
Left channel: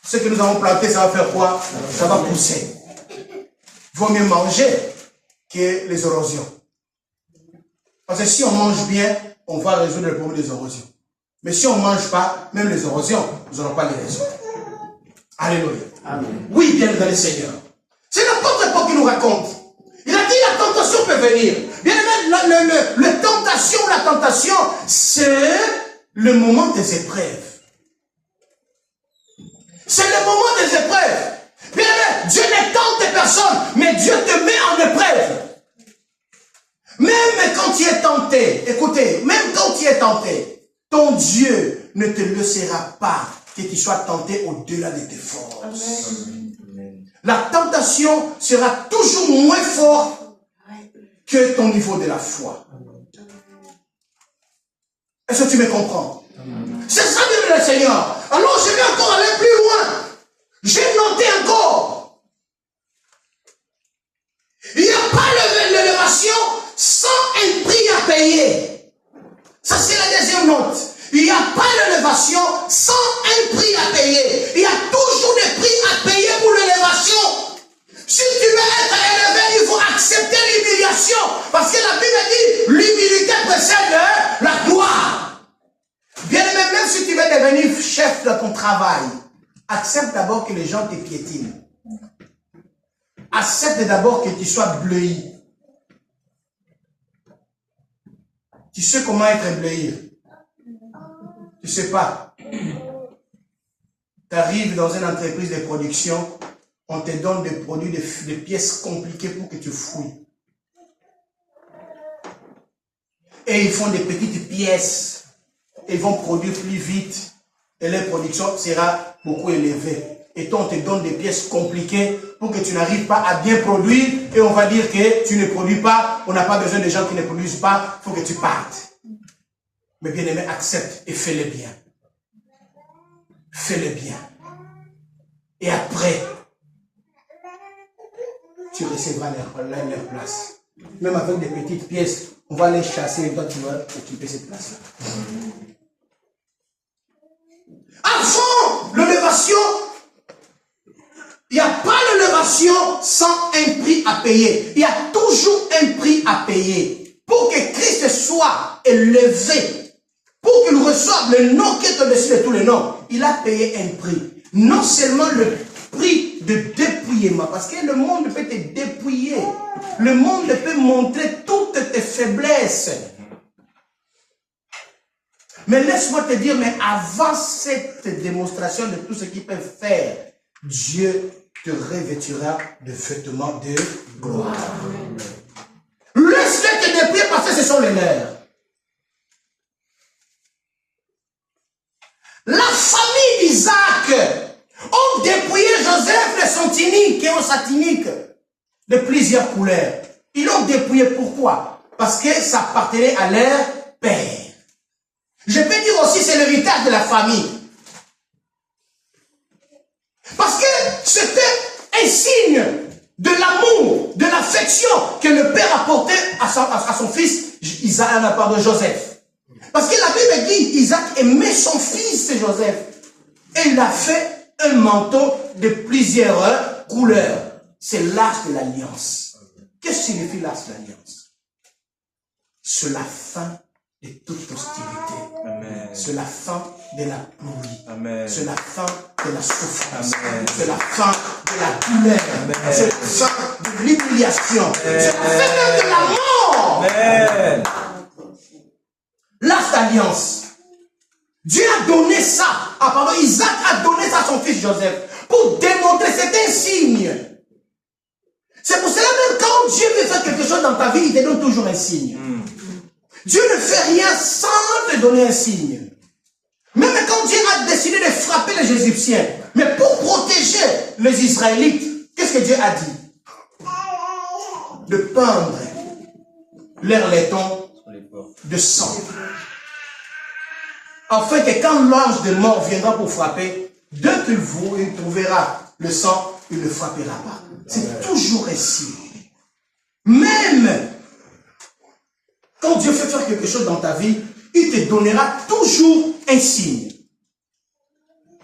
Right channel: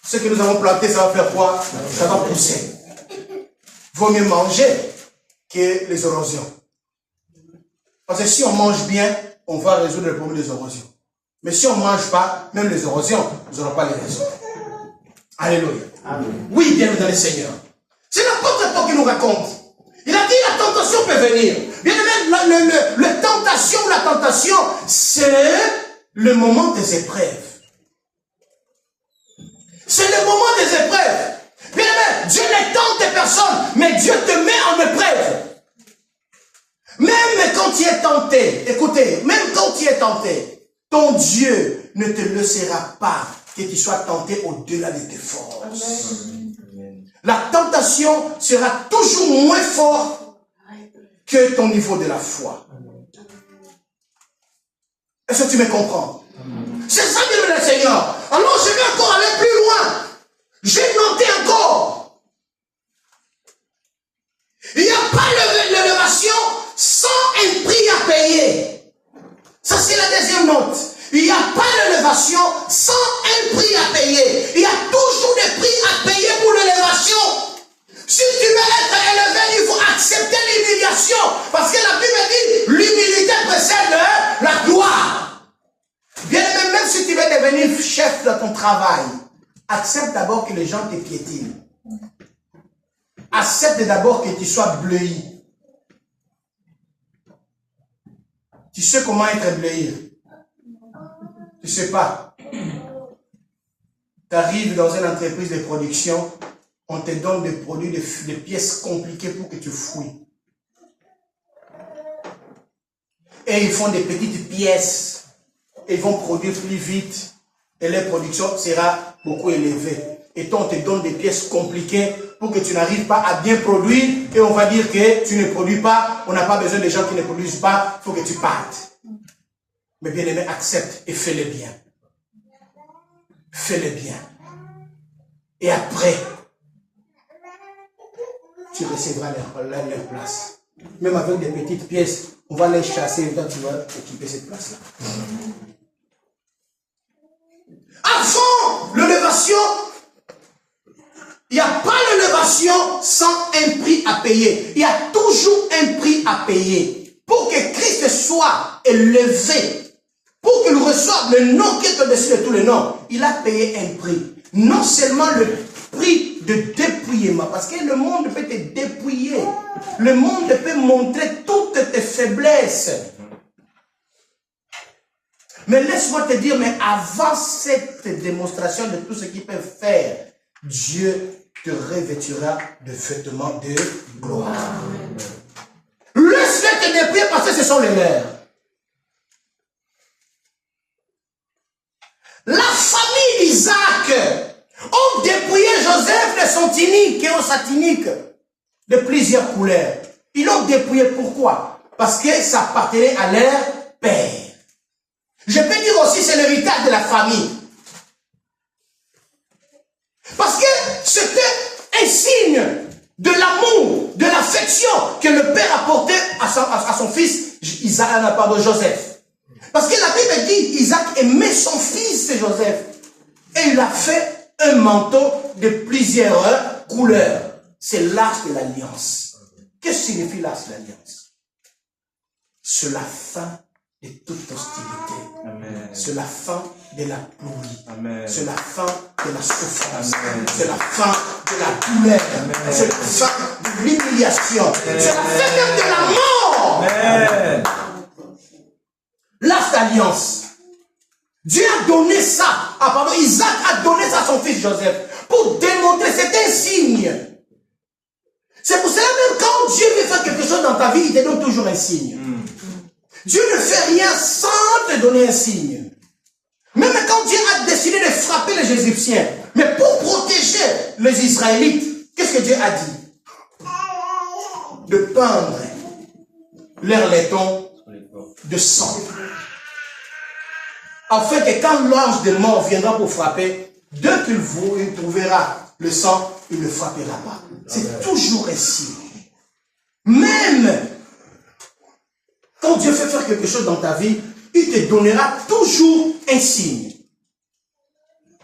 ce que nous avons planté, ça va faire quoi? Ça va pousser. Vaut mieux manger que les érosions. Parce que si on mange bien, on va résoudre le problème des érosions. Mais si on ne mange pas, même les érosions, nous n'aurons pas les résoudre. Alléluia. Amen. Oui, bien dans le Seigneur. C'est n'importe quoi qui nous raconte. Il a dit la tentation peut venir. Bien aimé, la tentation, c'est le moment des épreuves. C'est le moment des épreuves. Bien aimé, Dieu ne tente personne, mais Dieu te met en épreuve. Même quand tu es tenté, écoutez, même quand tu es tenté, ton Dieu ne te laissera pas que tu sois tenté au-delà de tes forces. Amen. La tentation sera toujours moins forte que ton niveau de la foi. Est-ce que tu me comprends? C'est ça de le Seigneur. Alors je vais encore aller plus loin. J'ai noté encore. Il n'y a pas l'élévation sans un prix à payer. Ça c'est la deuxième note. Il n'y a pas l'élévation sans un prix à payer. Il y a toujours des prix à payer pour l'élévation. Si tu veux être élevé, il faut accepter l'humiliation. Parce que la Bible dit, l'humilité précède la gloire. Bien aimé, même si tu veux devenir chef de ton travail, accepte d'abord que les gens te piétinent. Accepte d'abord que tu sois bleui. Tu sais comment être bleui? Tu ne sais pas. Tu arrives dans une entreprise de production, on te donne des produits, des pièces compliquées pour que tu fouilles. Et ils font des petites pièces. Et ils vont produire plus vite. Et leur production sera beaucoup élevée. Et toi, on te donne des pièces compliquées pour que tu n'arrives pas à bien produire. Et on va dire que tu ne produis pas. On n'a pas besoin de gens qui ne produisent pas. Il faut que tu partes. Mais bien aimé, accepte et fais-le bien. Fais-le bien. Et après, tu recevras leur place. Même avec des petites pièces, on va les chasser et toi tu vas occuper cette place-là. Avant l'élévation, il n'y a pas l'élévation sans un prix à payer. Il y a toujours un prix à payer. Pour que Christ soit élevé, pour qu'il reçoive le nom qui est au-dessus de tous les noms, il a payé un prix. Non seulement le prix de dépouillement, parce que le monde peut te dépouiller. Le monde peut montrer toutes tes faiblesses. Mais laisse-moi te dire, mais avant cette démonstration de tout ce qu'il peut faire, Dieu te revêtira de vêtements de gloire. Laisse-les te dépouiller parce que ce sont les leurs. La famille d'Isaac ont dépouillé Joseph de son tunique et sa tunique de plusieurs couleurs. Ils l'ont dépouillé pourquoi? Parce que ça appartenait à leur père. Je peux dire aussi c'est l'héritage de la famille. Parce que c'était un signe de l'amour, de l'affection que le père apportait à son fils Joseph. Parce que la Bible dit Isaac aimait son fils Joseph. Et il a fait un manteau de plusieurs couleurs. C'est l'arche de l'alliance. Qu'est-ce que signifie l'arche de l'alliance? C'est la fin de toute hostilité. C'est la fin de la pluie. C'est la fin de la souffrance. C'est la fin de la douleur. C'est la fin de l'humiliation. C'est la fin même de la mort. L'arche d'alliance. Dieu a donné ça. Isaac a donné ça à son fils Joseph pour démontrer, c'est un signe. C'est pour cela même quand Dieu veut faire quelque chose dans ta vie, il te donne toujours un signe. Dieu ne fait rien sans te donner un signe. Même quand Dieu a décidé de frapper les Égyptiens, mais pour protéger les Israélites, qu'est-ce que Dieu a dit? De peindre leur laiton de sang. Afin que quand l'ange de mort viendra pour frapper, dès qu'il trouvera le sang, il ne frappera pas. C'est toujours ainsi. Même quand Dieu fait faire quelque chose dans ta vie, il te donnera toujours un signe.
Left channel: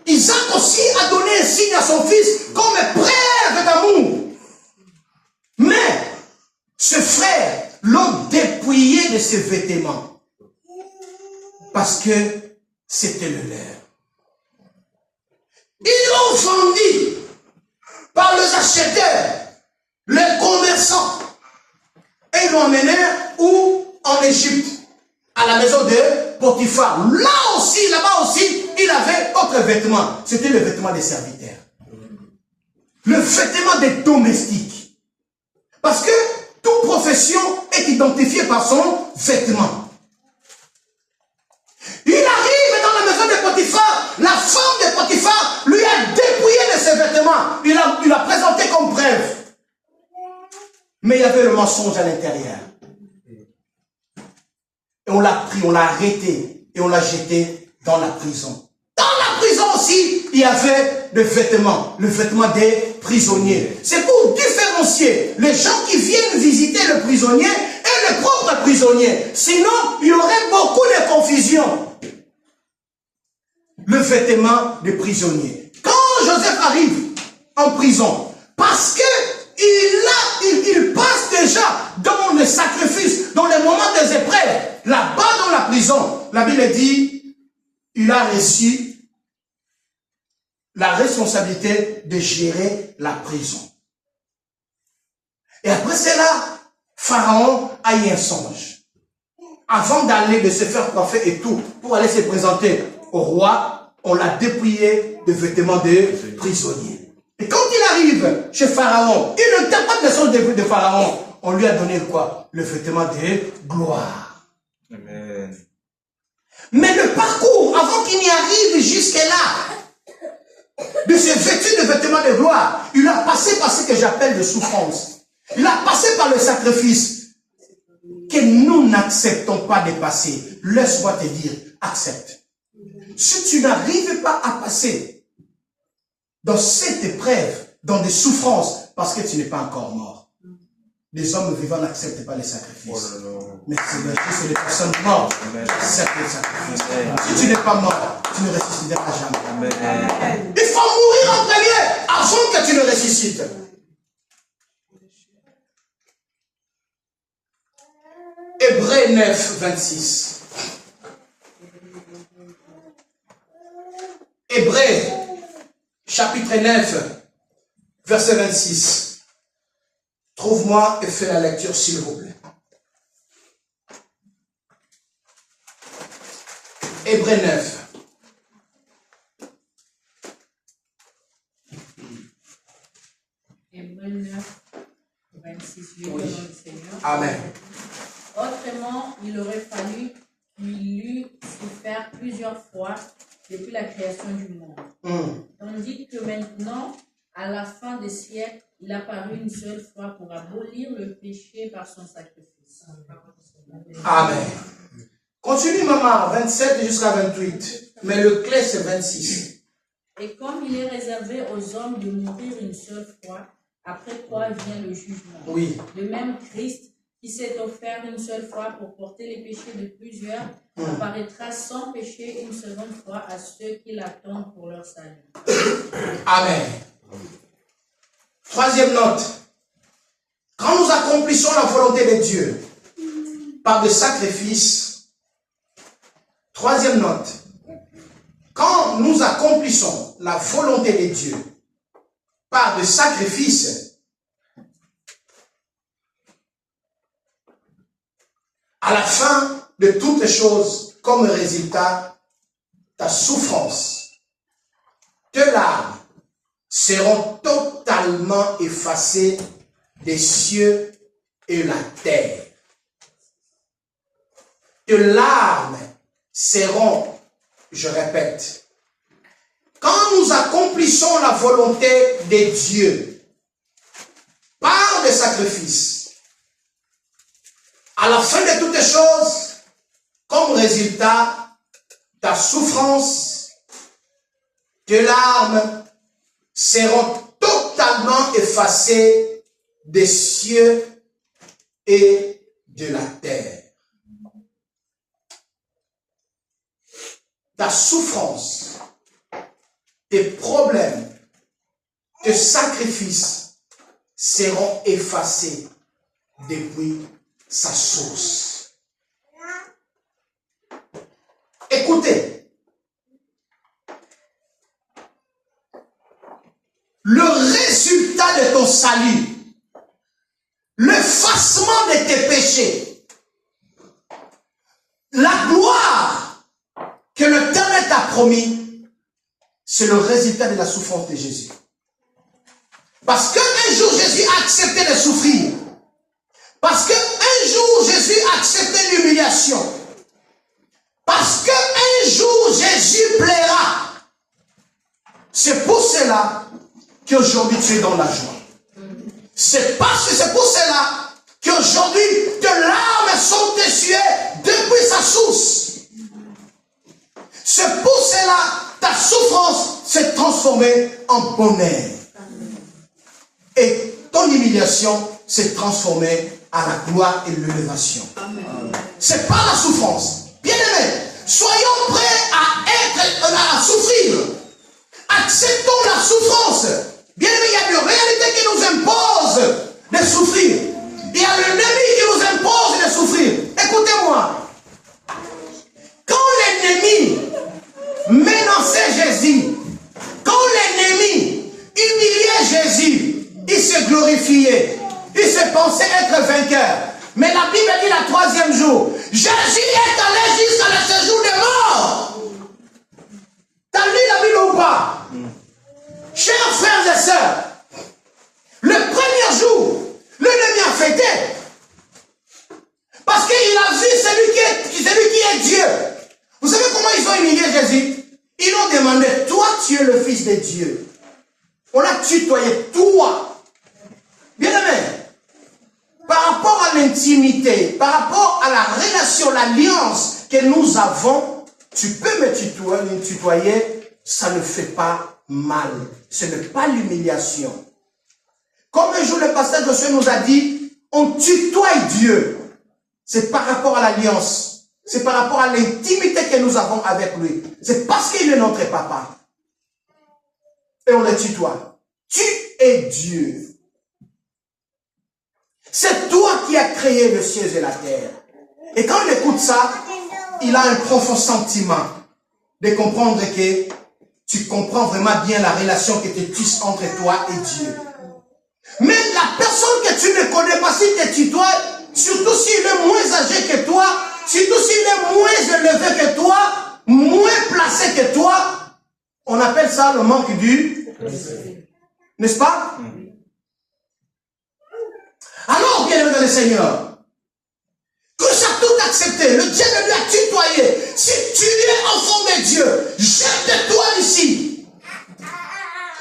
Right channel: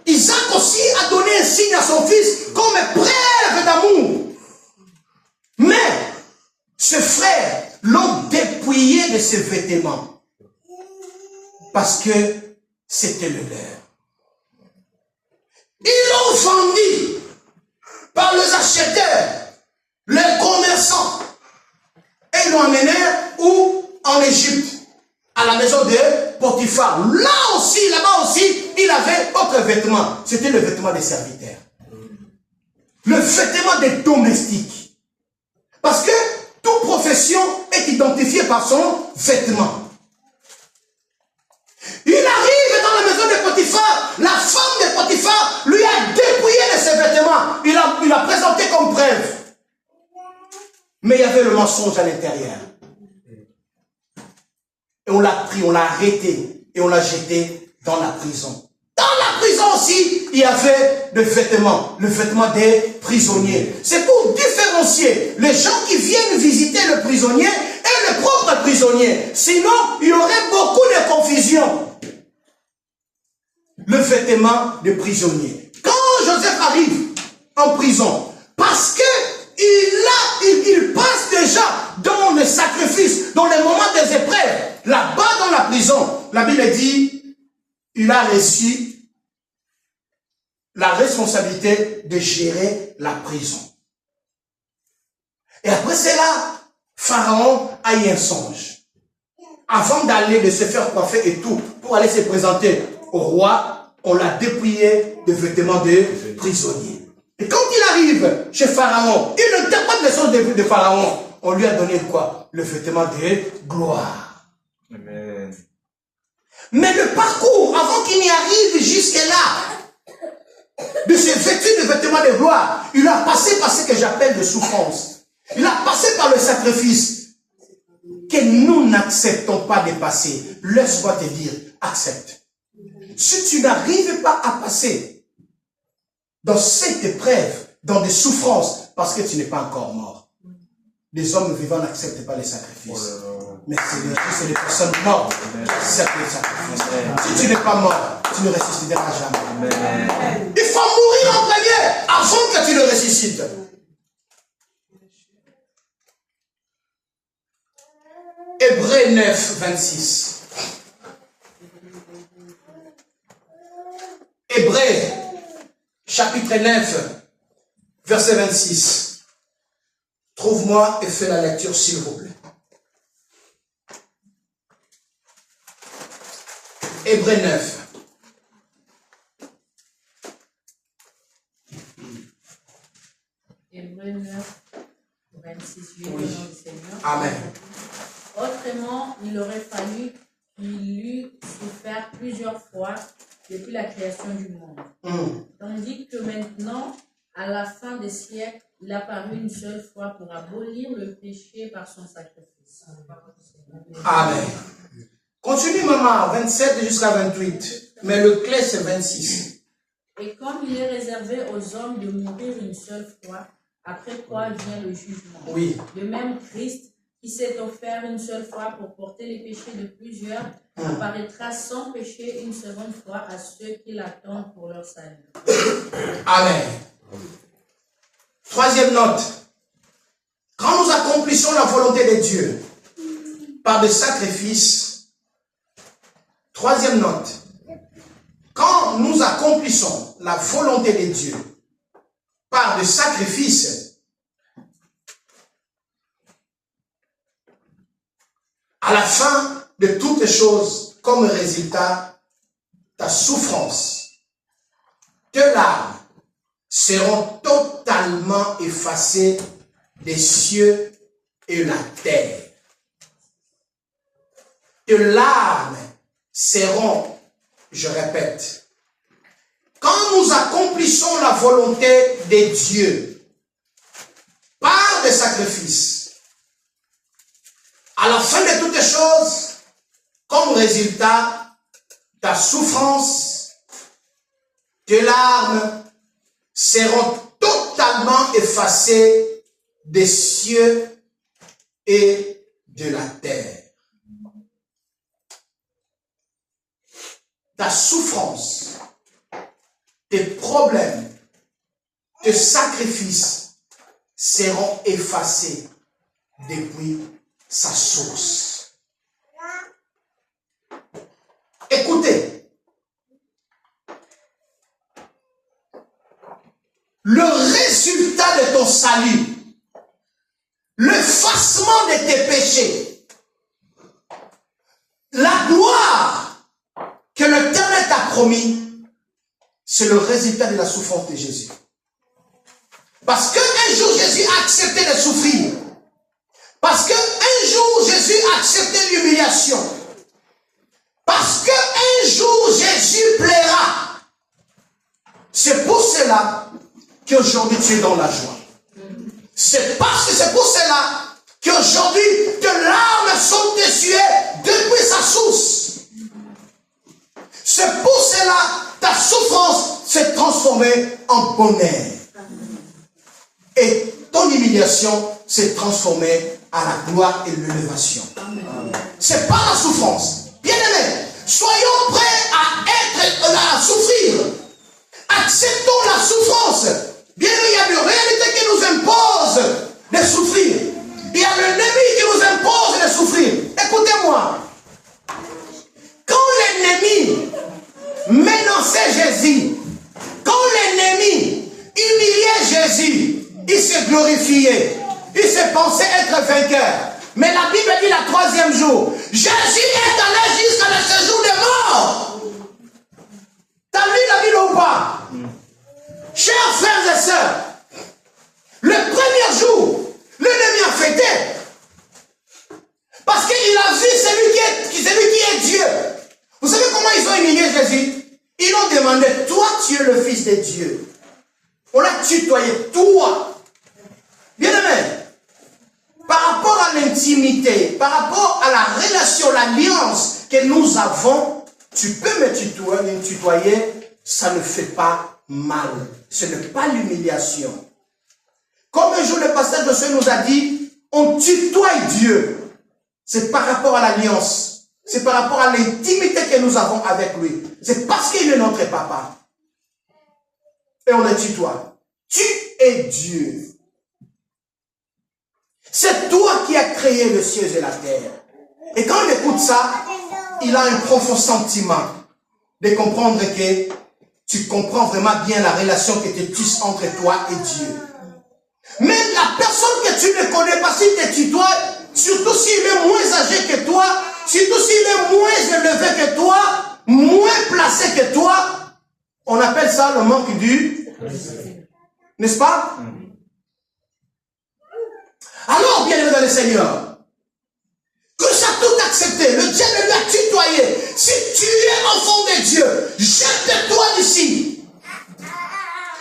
Isaac aussi a donné un signe à son fils comme preuve d'amour. Mais ce frère l'ont dépouillé de ses vêtements parce que c'était le leur. Ils l'ont vendu par les acheteurs, les commerçants. Et ils l'ont amené où? En Égypte, à la maison de Potiphar. Là aussi, là-bas aussi, il avait autre vêtement. C'était le vêtement des serviteurs. Le vêtement des domestiques. Parce que toute profession est identifiée par son vêtement. Il arrive dans la maison de Potiphar. La femme de Potiphar lui a dépouillé de ses vêtements. Il a présenté comme preuve. Mais il y avait le mensonge à l'intérieur. Et on l'a pris, on l'a arrêté et on l'a jeté dans la prison. Dans la prison aussi, il y avait le vêtement des prisonniers. C'est pour différencier les gens qui viennent visiter le prisonnier et le propre prisonnier. Sinon, il y aurait beaucoup de confusion. Le vêtement des prisonniers. Quand Joseph arrive en prison, parce que il passe déjà dans le sacrifice, dans les moments des épreuves, là-bas dans la prison, la Bible dit, il a reçu la responsabilité de gérer la prison. Et après cela, Pharaon a eu un songe. Avant d'aller, de se faire coiffer et tout, pour aller se présenter au roi, on l'a dépouillé de vêtements de prisonnier. Et quand il arrive chez Pharaon, il ne tient pas de leçon de Pharaon. On lui a donné quoi? Le vêtement de gloire. Amen. Mais le parcours, avant qu'il n'y arrive jusque-là, de se vêtir de vêtements de gloire, il a passé par ce que j'appelle de souffrance. Il a passé par le sacrifice que nous n'acceptons pas de passer. Laisse-moi te dire, accepte. Si tu n'arrives pas à passer dans cette épreuve, dans des souffrances, parce que tu n'es pas encore mort. Les hommes vivants n'acceptent pas les sacrifices. Mais c'est les personnes mortes qui acceptent les sacrifices. Si tu n'es pas mort, tu ne ressusciteras jamais. Il faut mourir en premier avant que tu ne ressuscites. Hébreux 9, 26. Hébreux chapitre 9, verset 26. Trouve-moi et fais la lecture, s'il vous plaît. Hébreux 9. Hébreux 9, 26, oui. Seigneur. Amen. Autrement, il aurait fallu qu'il eût souffert plusieurs fois depuis la création du monde. Tandis que maintenant, à la fin des siècles, il a paru une seule fois pour abolir le péché par son sacrifice. Amen. Continue, maman, 27 jusqu'à 28. Mais le clé, c'est 26. Et comme il est réservé aux hommes de mourir une seule fois, après quoi vient le jugement. Oui. De même, Christ, qui s'est offert une seule fois pour porter les péchés de plusieurs, apparaîtra sans péché une seconde fois à ceux qui l'attendent pour leur salut. Amen. Troisième note. Quand nous accomplissons la volonté de Dieu par des sacrifices, troisième note. Quand nous accomplissons la volonté de Dieu par des sacrifices, à la fin de toutes les choses, comme résultat, ta souffrance, tes larmes seront totalement effacées des cieux et la terre. Tes larmes seront je répète, quand nous accomplissons la volonté de Dieu par des sacrifices, à la fin de toutes les choses, comme résultat, ta souffrance, tes larmes seront totalement effacées des cieux et de la terre. Ta souffrance, tes problèmes, tes sacrifices seront effacés depuis sa source. Écoutez, le résultat de ton salut, l'effacement de tes péchés, la gloire que l'Éternel t'a promis, c'est le résultat de la souffrance de Jésus. Parce qu'un jour Jésus a accepté de souffrir. Parce qu'un jour Jésus a accepté l'humiliation. Parce qu'un jour Jésus plaira. C'est pour cela qu'aujourd'hui tu es dans la joie. C'est pour cela qu'aujourd'hui tes larmes sont essuyées depuis sa source. C'est pour cela ta souffrance s'est transformée en bonheur. Et ton humiliation s'est transformée à la gloire et l'élévation. C'est pas la souffrance. Bien-aimés, soyons prêts à souffrir. Acceptons la souffrance. Bien-aimés, il y a une réalité qui nous impose de souffrir. Il y a l'ennemi qui nous impose de souffrir. Écoutez-moi. Quand l'ennemi menaçait Jésus, quand l'ennemi humiliait Jésus, il se glorifiait. Il se pensait être vainqueur. Mais la Bible dit le troisième jour, Jésus est allé jusqu'à le séjour des morts. T'as lu la Bible ou pas? Chers frères et sœurs, le premier jour, l'ennemi a fêté. Parce qu'il a vu celui qui est Dieu. Vous savez comment ils ont humilié Jésus? Ils ont demandé, toi tu es le Fils de Dieu. On l'a tutoyé, toi. Bien-aimé, par rapport à l'intimité, par rapport à la relation, l'alliance que nous avons, tu peux me tutoyer, ça ne fait pas mal. Ce n'est pas l'humiliation. Comme un jour le pasteur Josué nous a dit, on tutoie Dieu. C'est par rapport à l'alliance. C'est par rapport à l'intimité que nous avons avec lui. C'est parce qu'il est notre papa. Et on le tutoie. Tu es Dieu. C'est toi qui as créé le ciel et la terre. Et quand on écoute ça, il a un profond sentiment de comprendre que tu comprends vraiment bien la relation qui te tisse entre toi et Dieu. Mais la personne que tu ne connais pas, si tu tutoies, surtout s'il est moins âgé que toi, surtout s'il est moins élevé que toi, moins placé que toi, on appelle ça le manque du... N'est-ce pas? Alors, bien-aimé dans le Seigneur, que ça a tout accepté, le diable lui a tutoyé. Si tu es enfant de Dieu, jette-toi d'ici.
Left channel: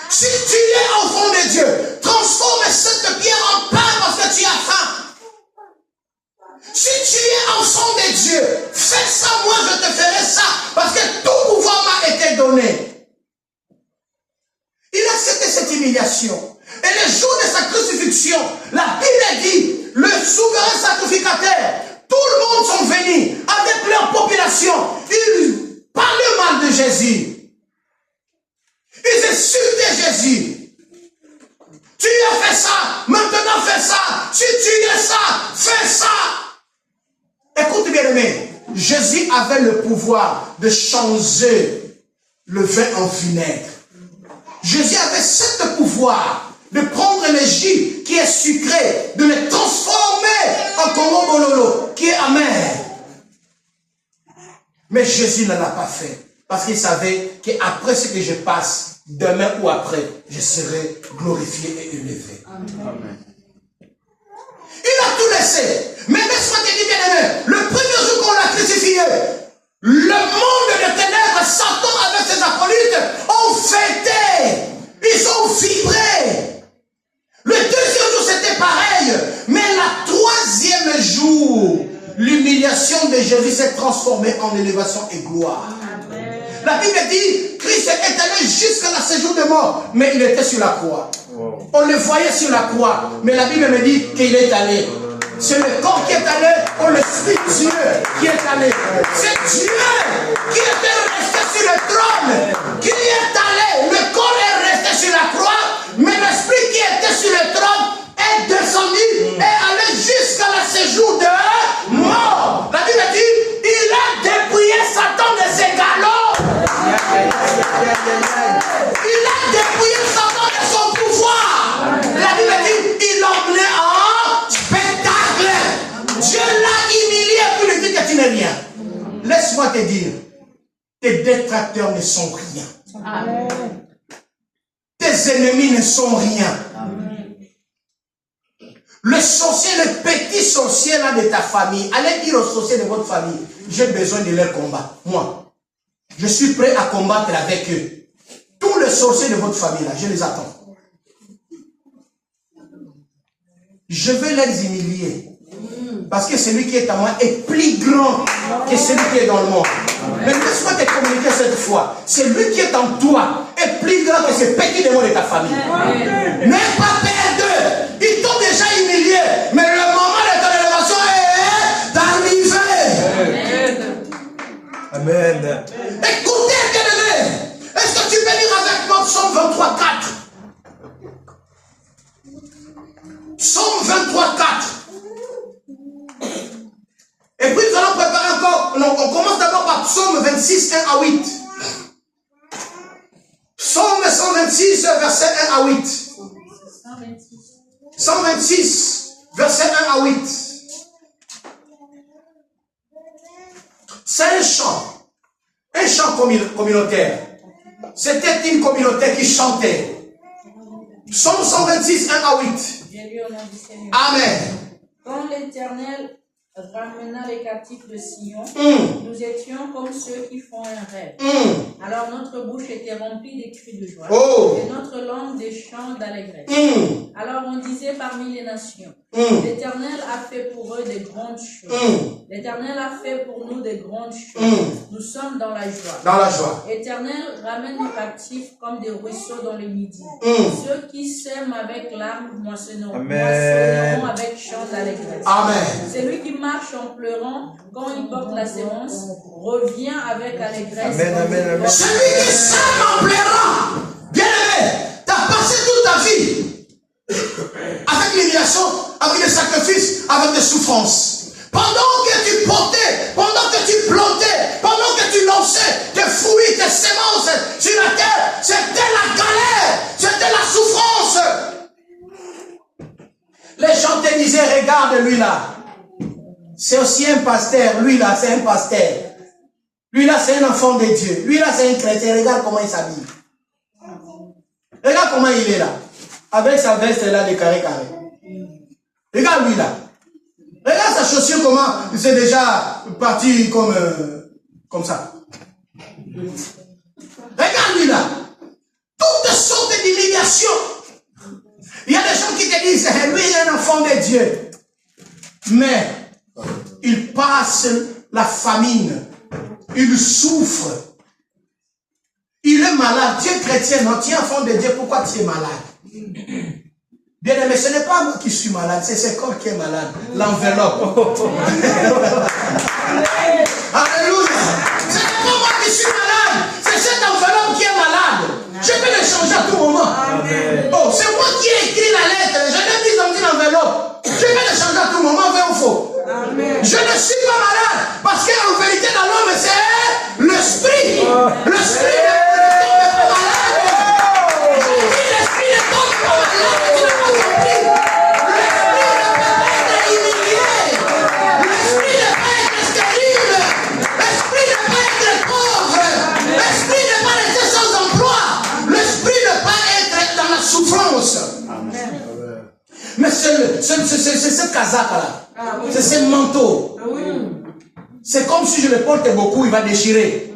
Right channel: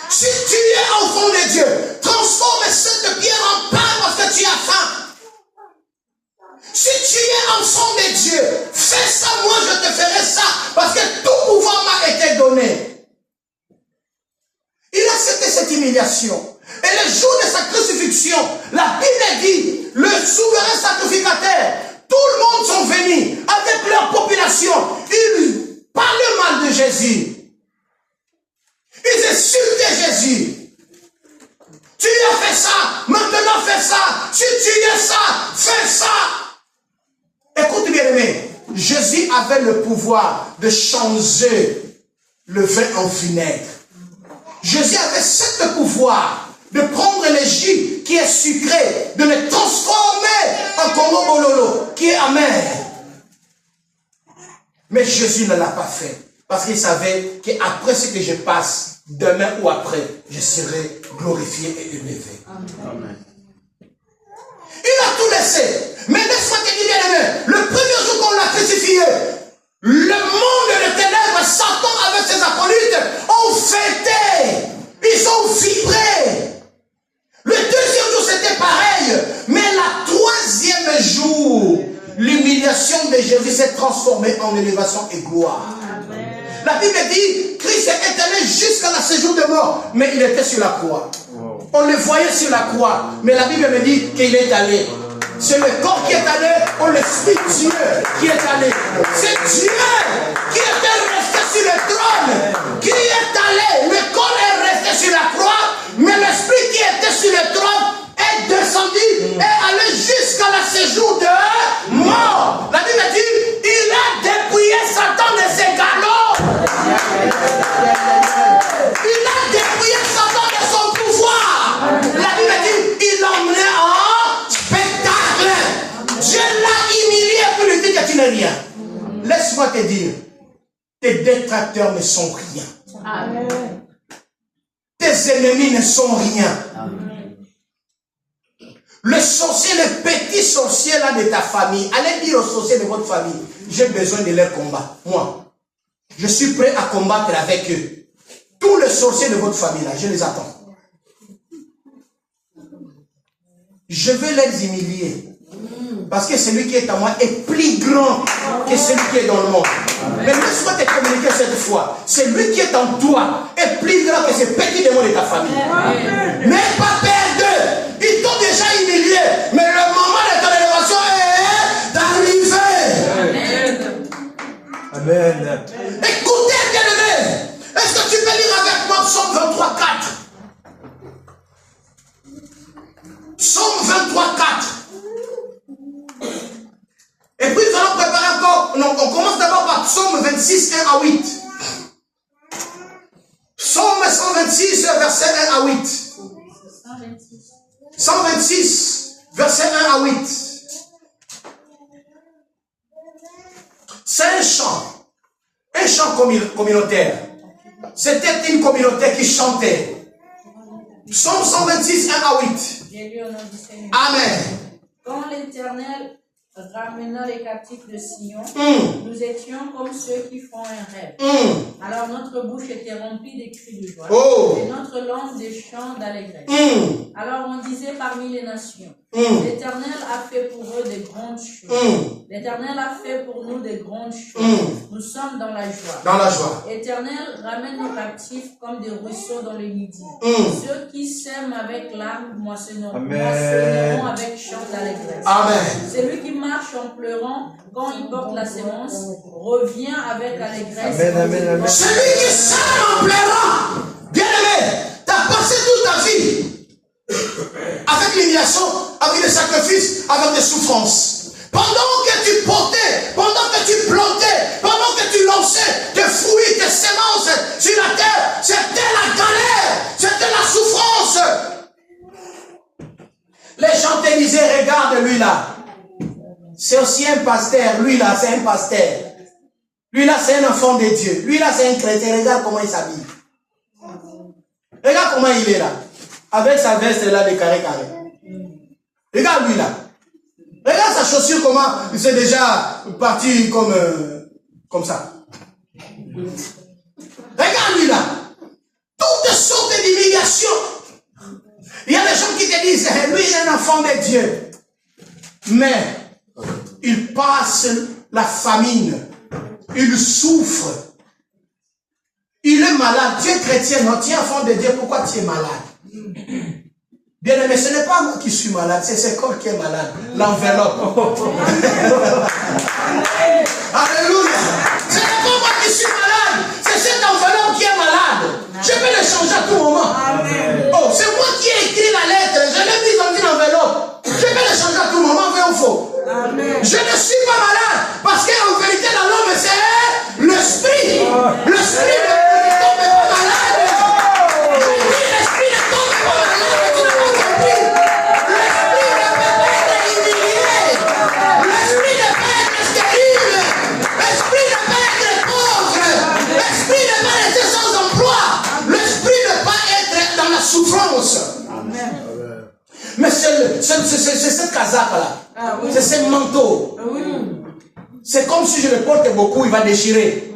Si tu es enfant de Dieu, transforme cette pierre en pain parce que tu as faim. Si tu es enfant de Dieu, fais ça, moi je te ferai ça, parce que tout pouvoir m'a été donné. Il a accepté cette humiliation. Et le jour de sa crucifixion, la Bible dit, le souverain sacrificateur, tout le monde sont venus avec leur population. Ils parlaient mal de Jésus. Ils insultaient Jésus. Tu as fait ça, maintenant fais ça. Si tu es ça, fais ça. Écoute bien aimé, Jésus avait le pouvoir de changer le vin en vinaigre. Jésus avait ce pouvoir de prendre le jus qui est sucré, de le transformer en Congo Bololo, qui est amer. Mais Jésus ne l'a pas fait, parce qu'il savait qu'après ce que je passe, demain ou après, je serai glorifié et élevé. Amen. Il a tout laissé. Mais laisse-moi te dire, bien aimé, le premier jour qu'on l'a crucifié, le monde de ténèbres, Satan de Jésus s'est transformé en élévation et gloire. Amen. La Bible dit, Christ est allé jusqu'à la séjour de mort, mais il était sur la croix. On le voyait sur la croix, mais la Bible me dit qu'il est allé. C'est le corps qui est allé, ou l'Esprit de Dieu qui est allé. C'est Dieu qui était resté sur le trône, qui est allé. Le corps est resté sur la croix, mais l'Esprit qui était sur le trône est descendu et allé jusqu'à la séjour de mort. La Bible dit, il a dépouillé Satan de ses galops. Il a dépouillé Satan de son pouvoir. La Bible dit, il l'a emmené en spectacle. Dieu l'a humilié pour lui dire que tu n'es rien. Laisse-moi te dire, tes détracteurs ne sont rien. Amen. Tes ennemis ne sont rien. Le sorcier, le petit sorcier là de ta famille, allez dire aux sorciers de votre famille, j'ai besoin de leur combat. Moi, je suis prêt à combattre avec eux. Tous les sorciers de votre famille là, je les attends. Je vais les humilier. Parce que celui qui est à moi est plus grand que celui qui est dans le monde. Mais laisse-moi te communiquer cette fois. Celui qui est en toi est plus grand que ce petit démon de ta famille. N'aie pas peur d'eux. Ils t'ont déjà humilié. Mais le moment de ton élévation est arrivé. Amen. Écoutez, bien-aimé. Est-ce que tu peux lire avec moi Psaume 23, 4? Psaume 23, 4. Et puis nous allons préparer encore. Non, on commence d'abord par Psaume 26, 1 à 8. Psaume 126, verset 1 à 8. 126, verset 1 à 8. C'est un chant communautaire. C'était une communauté qui chantait. Psaume 126, 1 à 8. Amen. Quand l'Éternel ramena les captifs de Sion, nous étions comme ceux qui font un rêve. Alors notre bouche était remplie de cris de joie et notre langue des chants d'allégresse. Alors on disait parmi les nations, l'Éternel a fait pour eux de grandes choses. L'Éternel a fait pour nous de grandes choses. Nous sommes dans la joie. Dans la joie. L'Éternel ramène nos captifs comme des ruisseaux dans le midi. Ceux qui sèment avec larmes moissonneront avec chants d'allégresse. Amen. Celui qui marche en pleurant quand il porte la sémence revient avec allégresse. Celui qui sème en pleurant, bien aimé, tu as passé toute ta vie avec l'humiliation, avec les sacrifices, avec les souffrances. Pendant que tu portais, pendant que tu plantais, pendant que tu lançais tes fruits, tes semences sur la terre, c'était la galère, c'était la souffrance. Les gens te disaient, regarde lui là. C'est aussi un pasteur. Lui là, c'est un pasteur. Lui là, c'est un enfant de Dieu. Lui là, c'est un chrétien. Regarde comment il s'habille. Regarde comment il est là. Avec sa veste là de carré. Regarde lui là. Regarde sa chaussure comment il s'est déjà parti comme ça. Regarde lui là. Toutes sortes d'humiliations. Il y a des gens qui te disent, lui il est un enfant de Dieu. Mais il passe la famine. Il souffre. Il est malade. Tu es chrétien, non? Tu es enfant de Dieu. Pourquoi tu es malade? Bien aimé, ce n'est pas moi qui suis malade. C'est ce corps qui est malade. L'enveloppe. Alléluia. Ce n'est pas moi qui suis malade. C'est cette enveloppe qui est malade. Je peux le changer à tout moment. Oh, c'est moi qui ai écrit la lettre. Je l'ai mise dans une enveloppe. Je peux le changer à tout moment, vrai ou faux? Amen. Je ne suis pas malade. Parce qu'en vérité, dans l'homme, c'est l'esprit. L'esprit ne tombe pas malade. L'esprit ne tombe pas malade. Tu n'as pas compris. L'esprit ne peut pas être humilié. L'esprit ne peut pas être stérile. L'esprit ne peut pas être pauvre. L'esprit ne peut pas être sans emploi. L'esprit ne peut pas être dans la souffrance. Amen. Mais c'est cette casaque-là. C'est ce manteau. C'est comme si je le porte beaucoup, il va déchirer.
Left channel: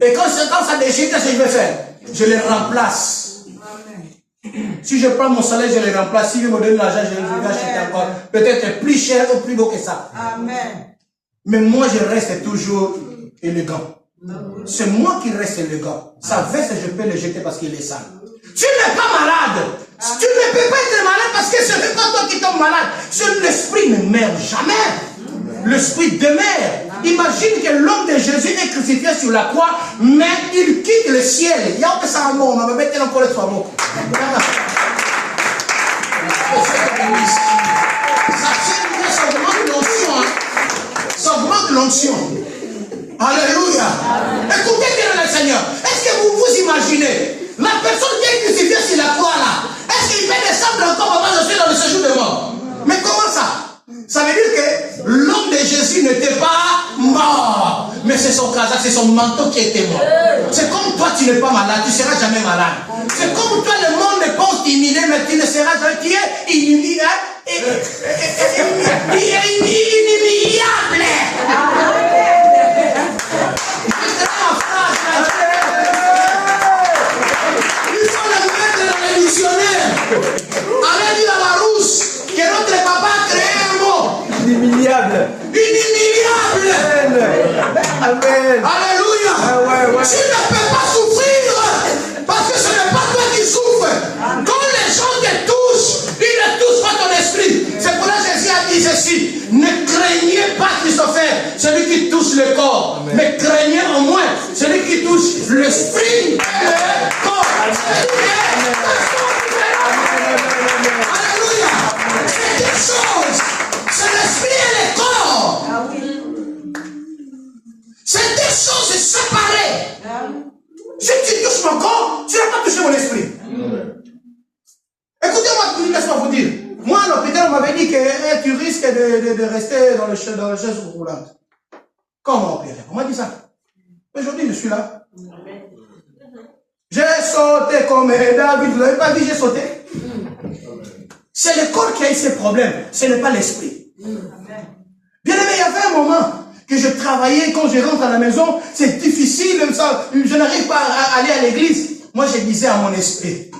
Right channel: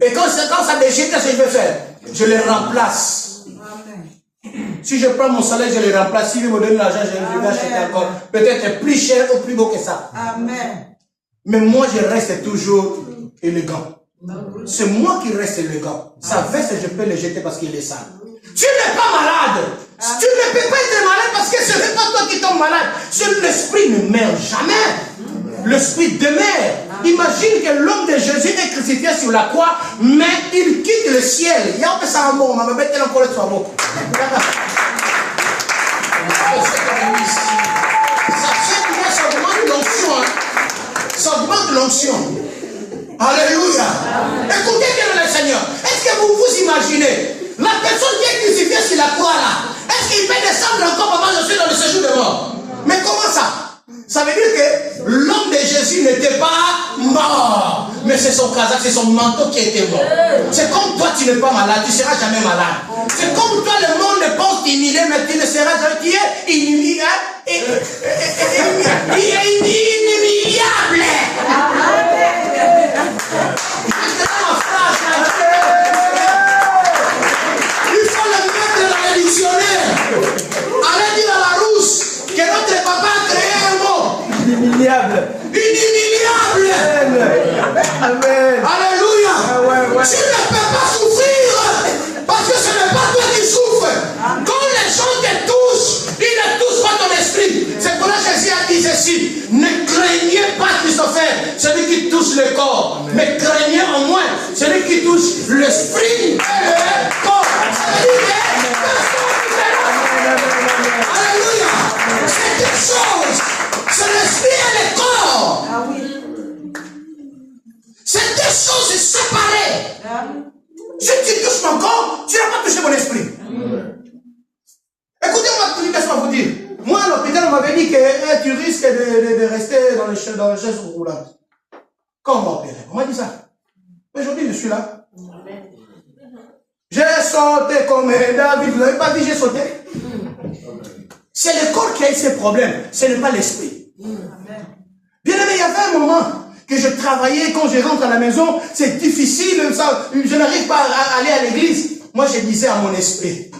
Et quand ça déchire, qu'est-ce que je vais faire? Je le remplace. Si je prends mon salaire, je le remplace. Si je me donne l'argent, je le achète encore. Peut-être plus cher ou plus beau que ça. Amen. Mais moi, je reste toujours élégant. C'est moi qui reste élégant. Sa veste, je peux le jeter parce qu'il est sale. Tu n'es pas malade. Tu ne peux pas être malade parce que ce n'est pas toi qui tombes malade. L'esprit ne meurt jamais. L'esprit demeure. Imagine que l'homme de Jésus est crucifié sur la croix, mais il quitte le ciel. Il y a un ça mot, on va mettre encore le soir mot. Ça demande l'onction. Ça demande l'onction. Alléluia. Écoutez bien le Seigneur. Est-ce que vous vous imaginez la personne qui est crucifiée sur la croix là, est-ce qu'il peut descendre encore avant de suite dans le séjour de mort? Mais comment ça? Ça veut dire que l'homme de Jésus n'était pas mort, mais c'est son casaque, c'est son manteau qui était mort. C'est comme toi, tu n'es pas malade, tu ne seras jamais malade. C'est comme toi, le monde pense t'imiter, mais tu ne seras jamais, tu es inimitable. Il faut le mettre dans le dictionnaire. Allez dire à la rousse que notre papa a créé un mot. Inimitable. Inimitable. Amen. Alléluia. Tu ne peux pas souffrir parce que ce n'est pas toi qui souffres. Quand les gens te touchent, ils ne touchent pas ton esprit. C'est pour ça que Jésus a dit ceci. Ne craignez pas Christopher, celui qui touche le corps. Mais craignez au moins celui qui touche l'esprit et le corps. Alléluia. C'est deux choses. C'est l'esprit et le corps. C'est deux choses séparées. Si tu touches mon corps, tu n'as pas touché mon esprit. Écoutez-moi, laisse-moi vous dire. Moi, à l'hôpital, on m'avait dit que tu risques de rester dans le chaise roulante. Comment opérer? On m'a dit ça. Aujourd'hui, je suis là. J'ai sauté comme David. Vous n'avez pas dit j'ai sauté? C'est le corps qui a eu ses problèmes. Ce n'est pas l'esprit. Bien aimé, il y avait un moment que je travaillais, quand je rentre à la maison, c'est difficile, ça, je n'arrive pas à aller à l'église. Moi, je disais à mon esprit,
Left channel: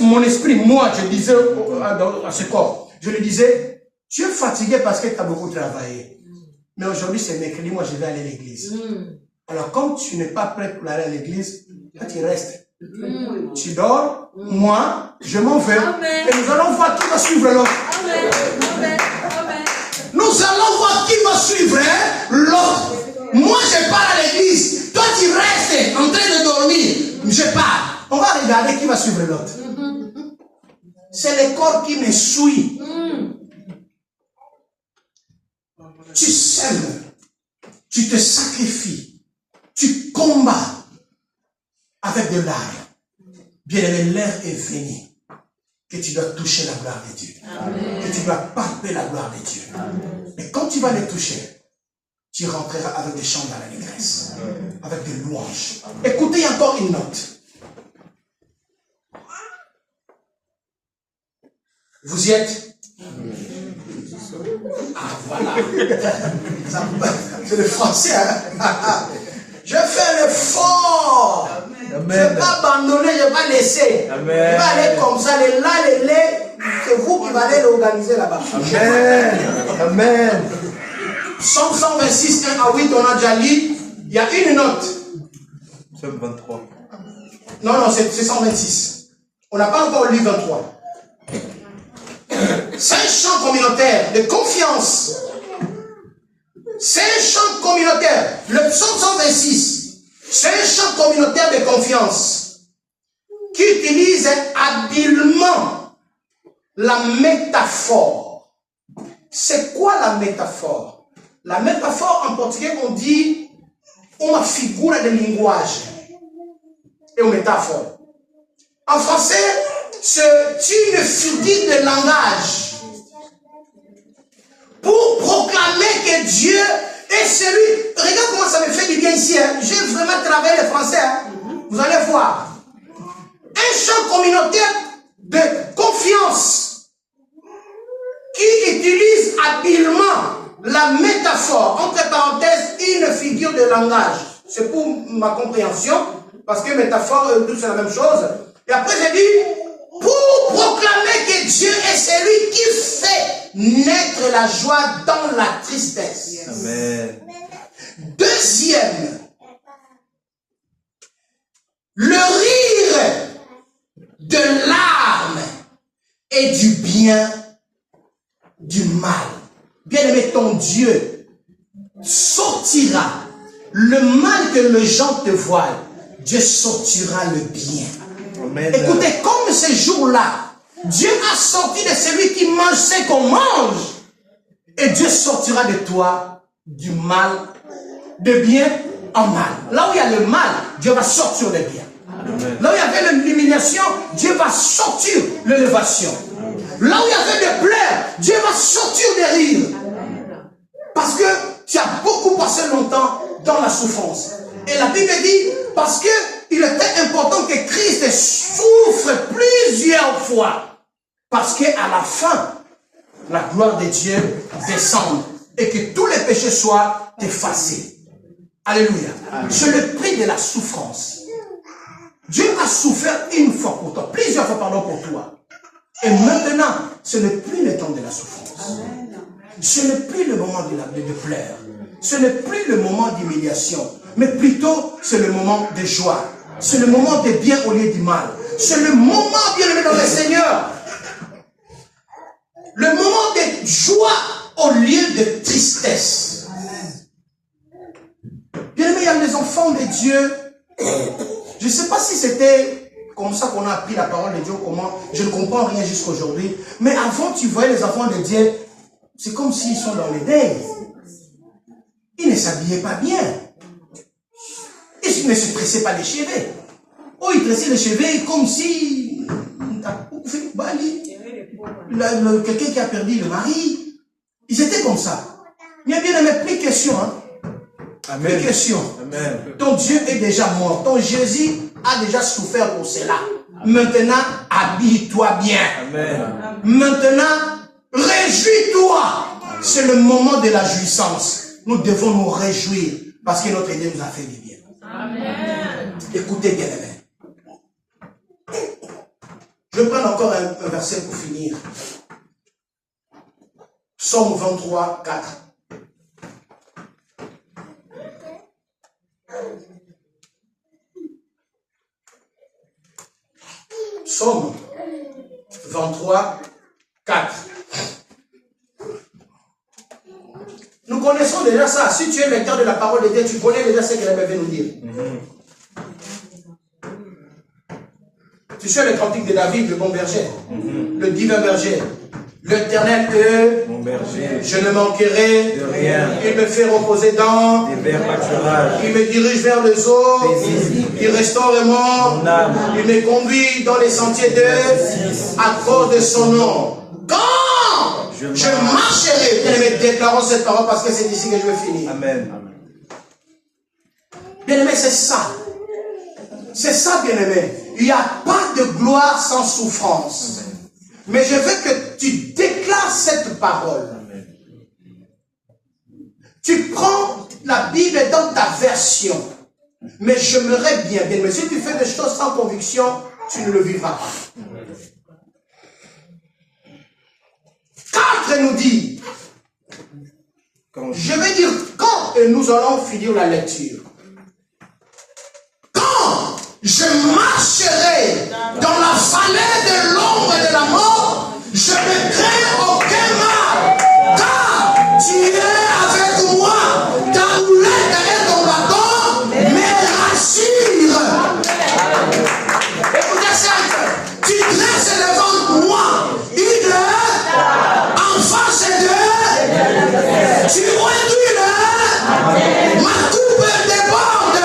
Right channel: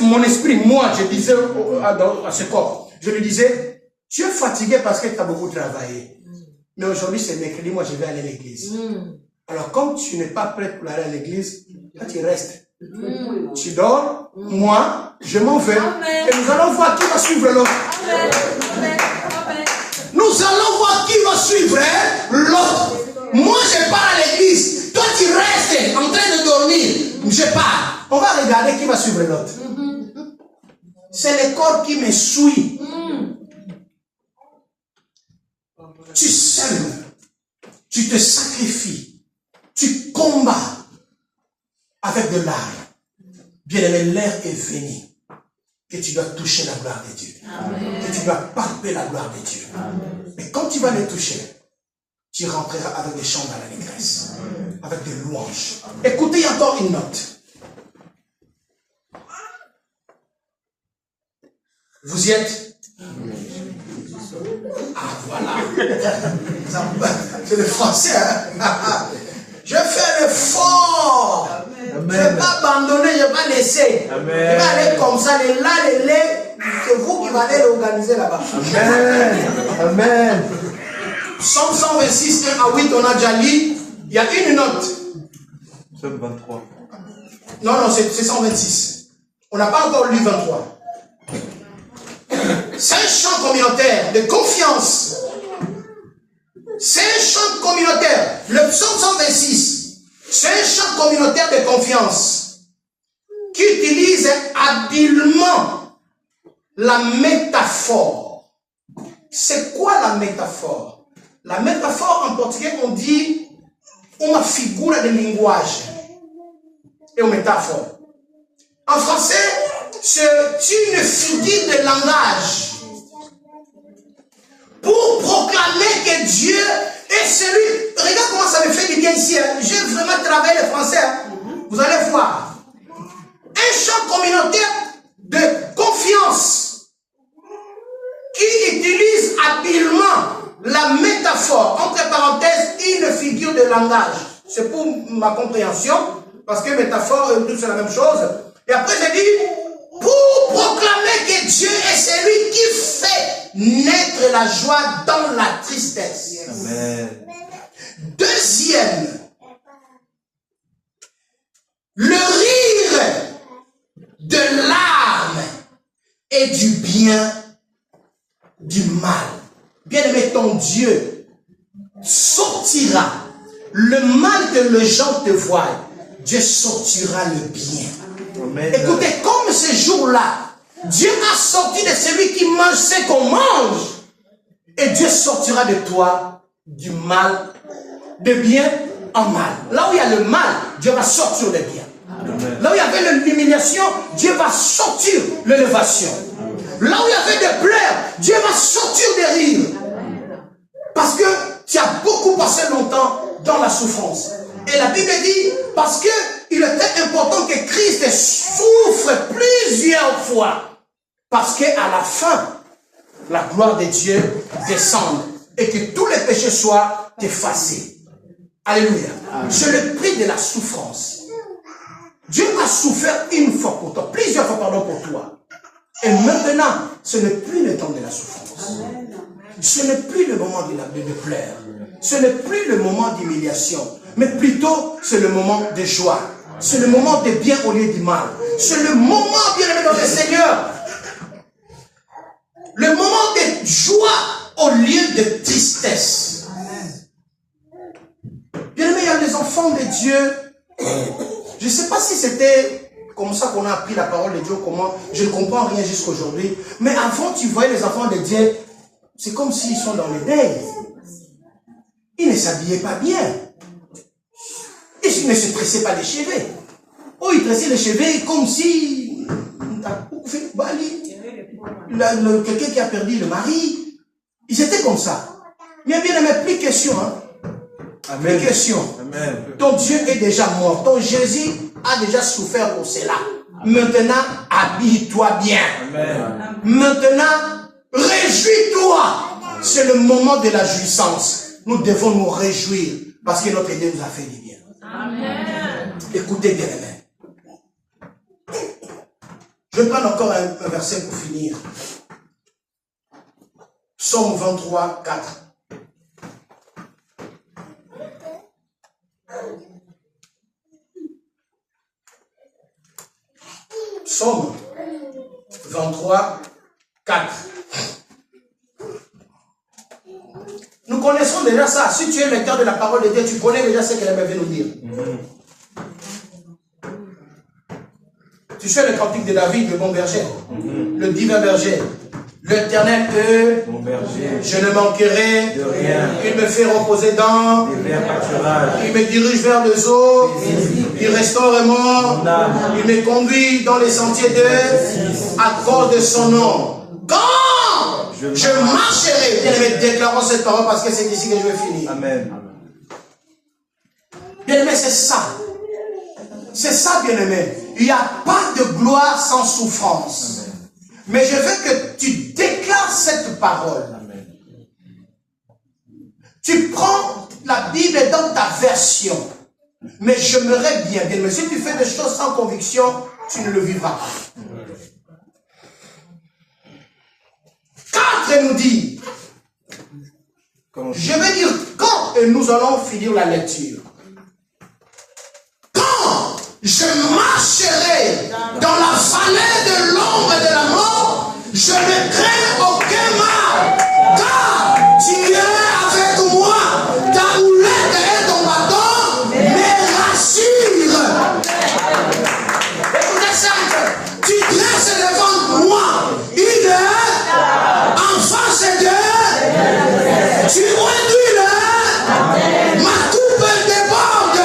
mon esprit, moi, je disais à ce corps, je lui disais, tu es fatigué parce que tu as beaucoup travaillé. Mais aujourd'hui, c'est mercredi, moi, je vais aller à l'église. Alors, comme tu n'es pas prêt pour aller à l'église, là, tu restes. Tu dors, moi, je m'en vais. Et nous allons voir qui va suivre l'autre. Nous allons voir qui va suivre l'autre. Moi, je pars à l'église. Toi, tu restes en train de dormir. Je pars. On va regarder qui va suivre l'autre. C'est le corps qui me suit. Tu sèmes. Tu te sacrifies. Tu combats avec de l'art. Bien aimé, l'heure est venue que tu dois toucher la gloire de Dieu. Amen. Que tu dois palper la gloire de Dieu. Amen. Et quand tu vas les toucher, tu rentreras avec des chants dans la détresse, avec des louanges. Amen. Écoutez encore une note. Vous y êtes? Ah, voilà. C'est le français, hein? Je fais l'effort. Je ne vais pas abandonner, je ne vais pas laisser. Amen. Je vais aller comme ça, les lait, c'est vous qui allez l'organiser là-bas. Amen. Amen. Psaume 126, 1 à 8, on a déjà lu. Il y a une note. Psaume 23. Non, c'est 126. On n'a pas encore lu 23. C'est un chant communautaire de confiance. C'est un chant communautaire. Le psaume 126. C'est un chant communautaire de confiance qui utilise habilement la métaphore. C'est quoi la métaphore? La métaphore en portugais, on dit une figure de langage et une métaphore. En français, c'est une figure de langage pour proclamer que Dieu est celui. Regarde comment ça me fait du bien ici. Hein. J'ai vraiment travaillé le français. Hein. Vous allez voir. Un chant communautaire de confiance qui utilise habilement la métaphore, entre parenthèses, une figure de langage. C'est pour ma compréhension, parce que métaphore et tout c'est la même chose. Et après j'ai dit, pour proclamer proclamer que Dieu est celui qui fait naître la joie dans la tristesse. Amen. Deuxième, le rire de larmes et du bien du mal. Bien-aimé, ton Dieu sortira le mal que les gens te voient. Dieu sortira le bien. Amen. Écoutez, comme ce jour-là, Dieu a sorti de celui qui mange ce qu'on mange. Et Dieu sortira de toi du mal, de bien en mal. Là où il y a le mal, Dieu va sortir le bien. Amen. Là où il y avait l'humiliation, Dieu va sortir l'élévation. Là où il y avait des pleurs, Dieu va sortir des rires. Parce que tu as beaucoup passé longtemps dans la souffrance. Et la Bible dit, parce qu'il était important que Christ souffre plusieurs fois. Parce qu'à la fin, la gloire de Dieu descende et que tous les péchés soient effacés. Alléluia. C'est le prix de la souffrance. Dieu a souffert une fois pour toi, plusieurs fois pardon pour toi. Et maintenant, ce n'est plus le temps de la souffrance. Ce n'est plus le moment de pleurs. Ce n'est plus le moment d'humiliation. Mais plutôt, c'est le moment de joie. C'est le moment de bien au lieu du mal. C'est le moment, bien aimé dans le Seigneur. Le moment de joie au lieu de tristesse. Bien aimé, il y a des enfants de Dieu. Je ne sais pas si c'était comme ça qu'on a appris la parole de Dieu, comment, je ne comprends rien jusqu'aujourd'hui. Mais avant, tu voyais les enfants de Dieu, c'est comme s'ils sont dans les deuils. Ils ne s'habillaient pas bien. Ils ne se tressaient pas les cheveux. Oh, ils tressaient les cheveux comme si... quelqu'un qui a perdu le mari. Ils étaient comme ça. Mais bien aimé, plus question. Hein? Amen. Plus question. Amen. Ton Dieu est déjà mort. Ton Jésus a déjà souffert pour cela. Maintenant, habille-toi bien. Amen. Maintenant, réjouis-toi. C'est le moment de la jouissance. Nous devons nous réjouir parce que notre Dieu nous a fait du bien. Amen. Écoutez bien, amen. Je vais prendre encore un verset pour finir. Psaume 23, 4. Psaume 23, 4. Nous connaissons déjà ça. Si tu es lecteur de la parole de Dieu, tu connais déjà ce qu'elle avait nous dire. Tu sais le cantique de David, le bon berger, le divin berger. L'Éternel, Mon berger, je ne manquerai de rien. Il me fait reposer dans, Des verts pâturages. il me dirige vers les eaux, Paisible. il restaure Mon âme. il me conduit dans les sentiers de, à cause de son nom. Quand je marcherai, bien aimé, déclarons cette parole parce que c'est ici que je vais finir. Amen. Bien aimé, c'est ça. C'est ça, bien aimé. Il n'y a pas de gloire sans souffrance. Mais je veux que tu déclares cette parole. Tu prends la Bible dans ta version. Mais j'aimerais bien, bien, mais si tu fais des choses sans conviction, tu ne le vivras pas. 4 nous dit, je vais dire quand et nous allons finir la lecture. Quand je marcherai dans la vallée de l'ombre et de la mort, je ne crains aucun mal, car tu es avec moi, ta houlette et ton bâton me rassurent. Écoutez ça, tu dresses devant moi une en face de, tu réduis le, ma coupe déborde.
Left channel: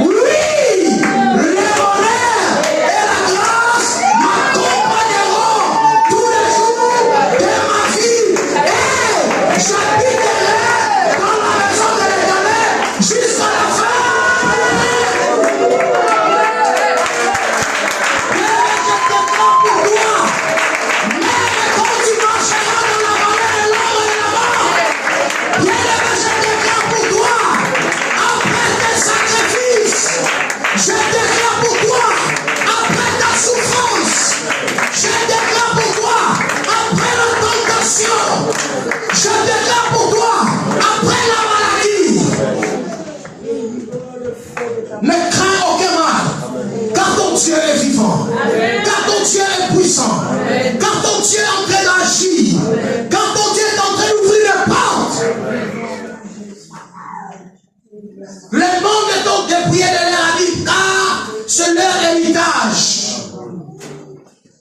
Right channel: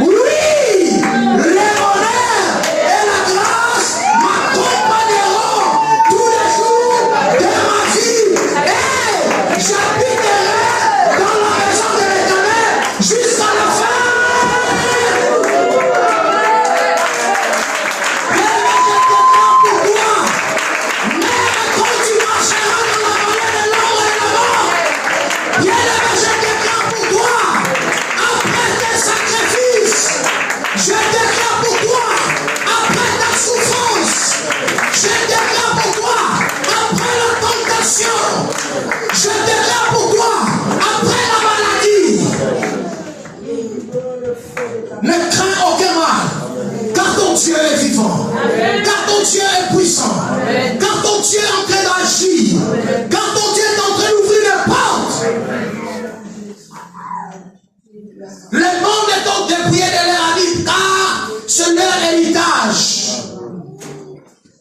Oui, le bonheur et la grâce m'accompagneront tous les jours de ma vie. Et j'habiterai dans la maison de l'Éternel jusqu'à la fin. Bien-aimé, je déclare pour toi, Le monde est donc dépouillé de leur habit, car c'est leur héritage.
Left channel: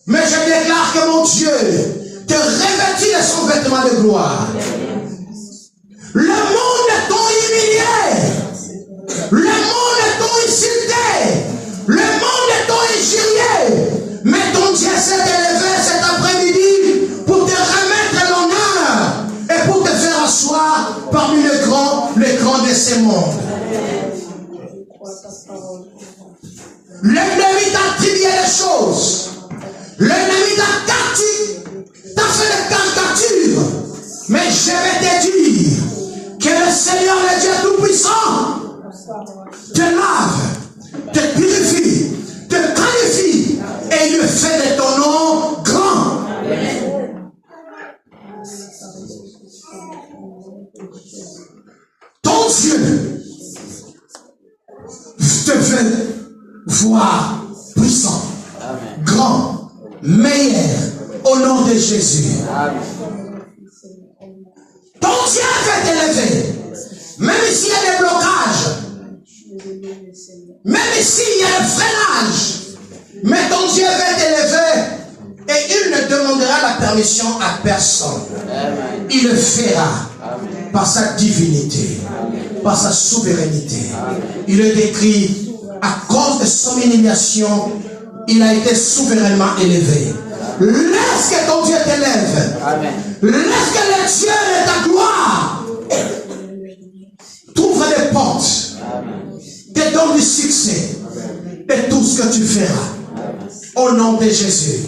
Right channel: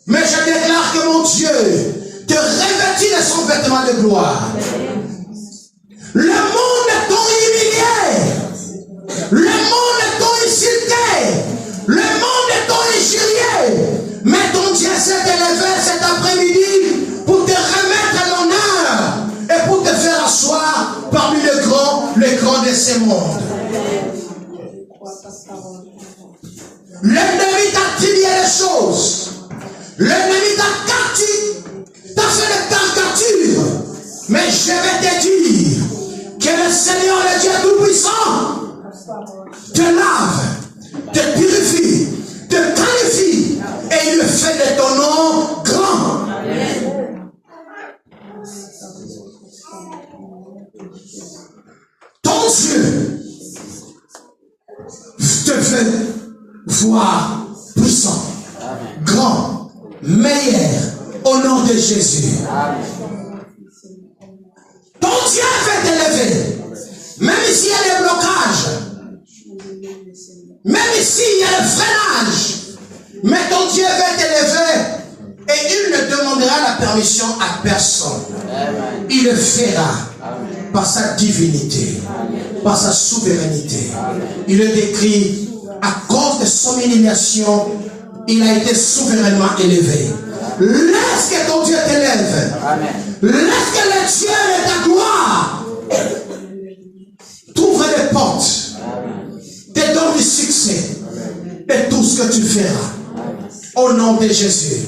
Mais je déclare que mon Dieu te revêtit de son vêtement de gloire. Le monde est donc humilié. Le monde est donc insulté. Le monde est donc injurié. Mais ton Dieu s'est élevé cet après-midi pour te remettre l'honneur et pour te faire asseoir parmi les grands de ce monde. L'ennemi t'a trié les choses. L'ennemi t'a fait des caricatures. Mais je vais te dire que le Seigneur, le Dieu Tout-Puissant, te lave, te purifie, te qualifie et il fait de ton nom grand. Ton Dieu te fait voir puissant, grand, meilleur au nom de Jésus. Ton Dieu va t'élever. Même s'il y a des blocages, même s'il y a des freinages, mais ton Dieu va t'élever et il ne demandera la permission à personne. Il le fera par sa divinité, par sa souveraineté. Il le décrit à cause de son humiliation, il a été souverainement élevé. Laisse que ton Dieu t'élève. Laisse que le Dieu de ta gloire t'ouvre les portes, te donne du succès et tout ce que tu feras. Au nom de Jésus.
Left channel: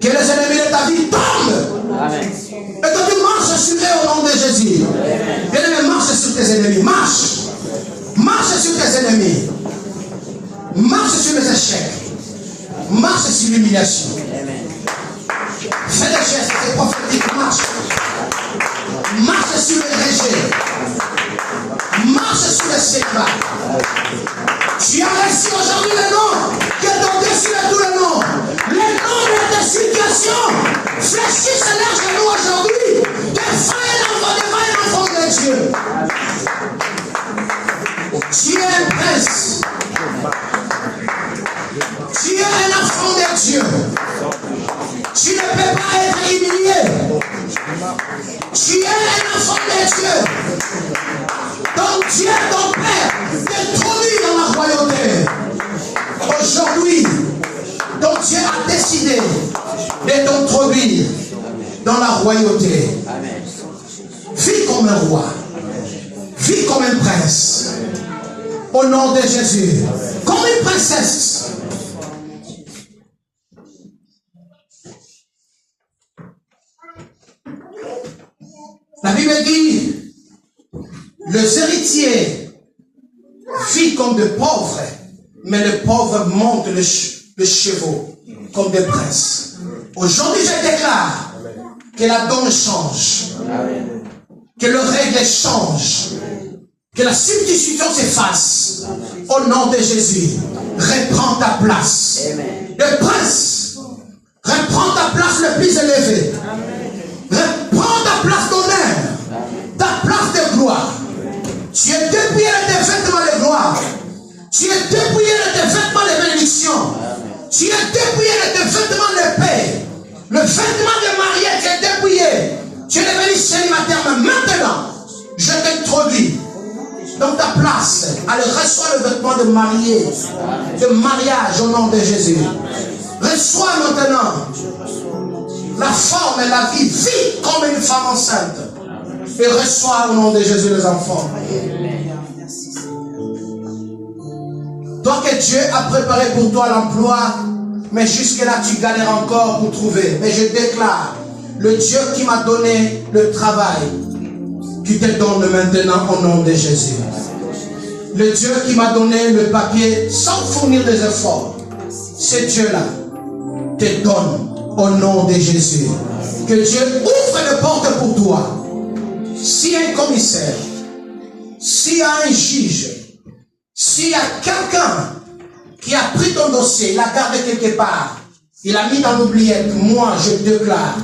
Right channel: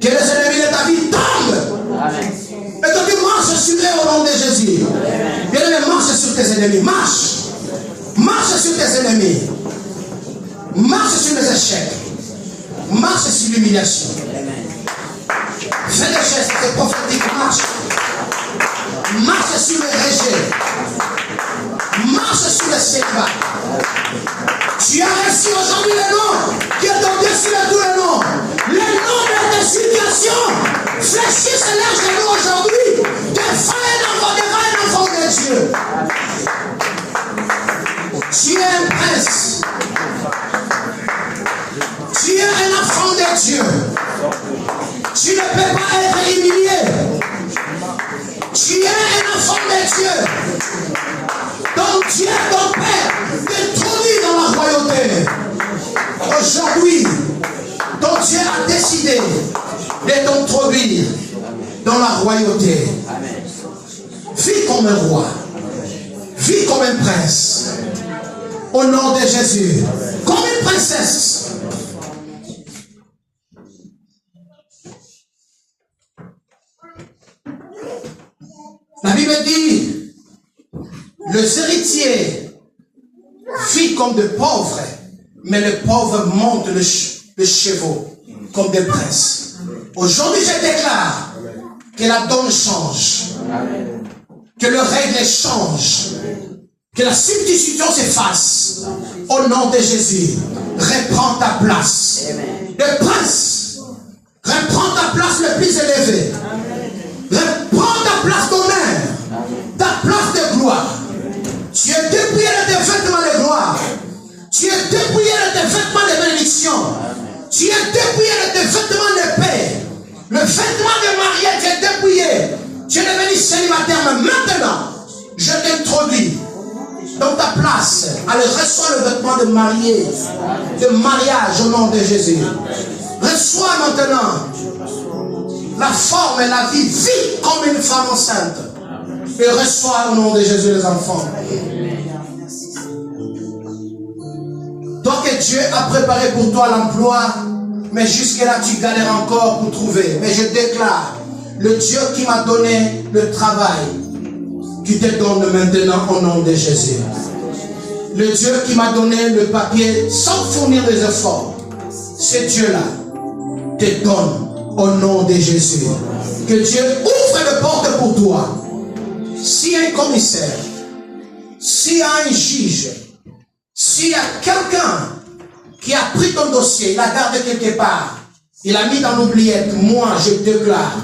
Que les ennemis de ta vie tombent. Et que tu marches sur eux au nom de Jésus. Bien-aimé, marche sur tes ennemis. Marche. Marche sur tes ennemis. Marche sur les échecs. Marche sur l'humiliation. Fais des gestes, c'est prophétique. Marche. Marche sur le rejet. Marche sur le séquat. Tu as reçu aujourd'hui le nom qui est au-dessus de tous les noms. Le nom de ta situation. Fléchisse l'air de nous aujourd'hui. Devant un enfant de Dieu. Tu es un prince. Tu es un enfant de Dieu. Tu ne peux pas être humilié. Tu es un enfant de Dieu. Donc Dieu, ton Père, t'introduit dans la royauté. Aujourd'hui, ton Dieu a décidé de t'introduire dans la royauté. Vis comme un roi. Vis comme un prince. Au nom de Jésus. Comme une princesse. La Bible dit, les héritiers vivent comme des pauvres, mais les pauvres montent les chevaux comme des princes. Aujourd'hui, je déclare que la donne change, que les règles changent, que la substitution s'efface. Au nom de Jésus, reprends ta place. Le prince, reprends ta place le plus élevé. Reprends ta place d'honneur, ta place de gloire. Tu es dépouillé de tes vêtements de gloire. Tu es dépouillé de tes vêtements de bénédiction. Tu es dépouillé de tes vêtements de paix. Le vêtement de mariage, tu es dépouillé. Tu es devenu célibataire, mais maintenant, je t'introduis dans ta place. Allez, reçois le vêtement de marié, de mariage au nom de Jésus. Reçois maintenant la forme et la vie. Vis comme une femme enceinte. Et reçois au nom de Jésus les enfants. Toi que Dieu a préparé pour toi l'emploi, mais jusque-là tu galères encore pour trouver. Mais je déclare, le Dieu qui m'a donné le travail, qui te donne maintenant au nom de Jésus. Le Dieu qui m'a donné le papier sans fournir des efforts, ce Dieu-là te donne au nom de Jésus. Que Dieu ouvre les portes pour toi. S'il y a un commissaire, s'il y a un juge, s'il y a quelqu'un qui a pris ton dossier, il l'a gardé quelque part, il a mis dans l'oubliette, moi je déclare,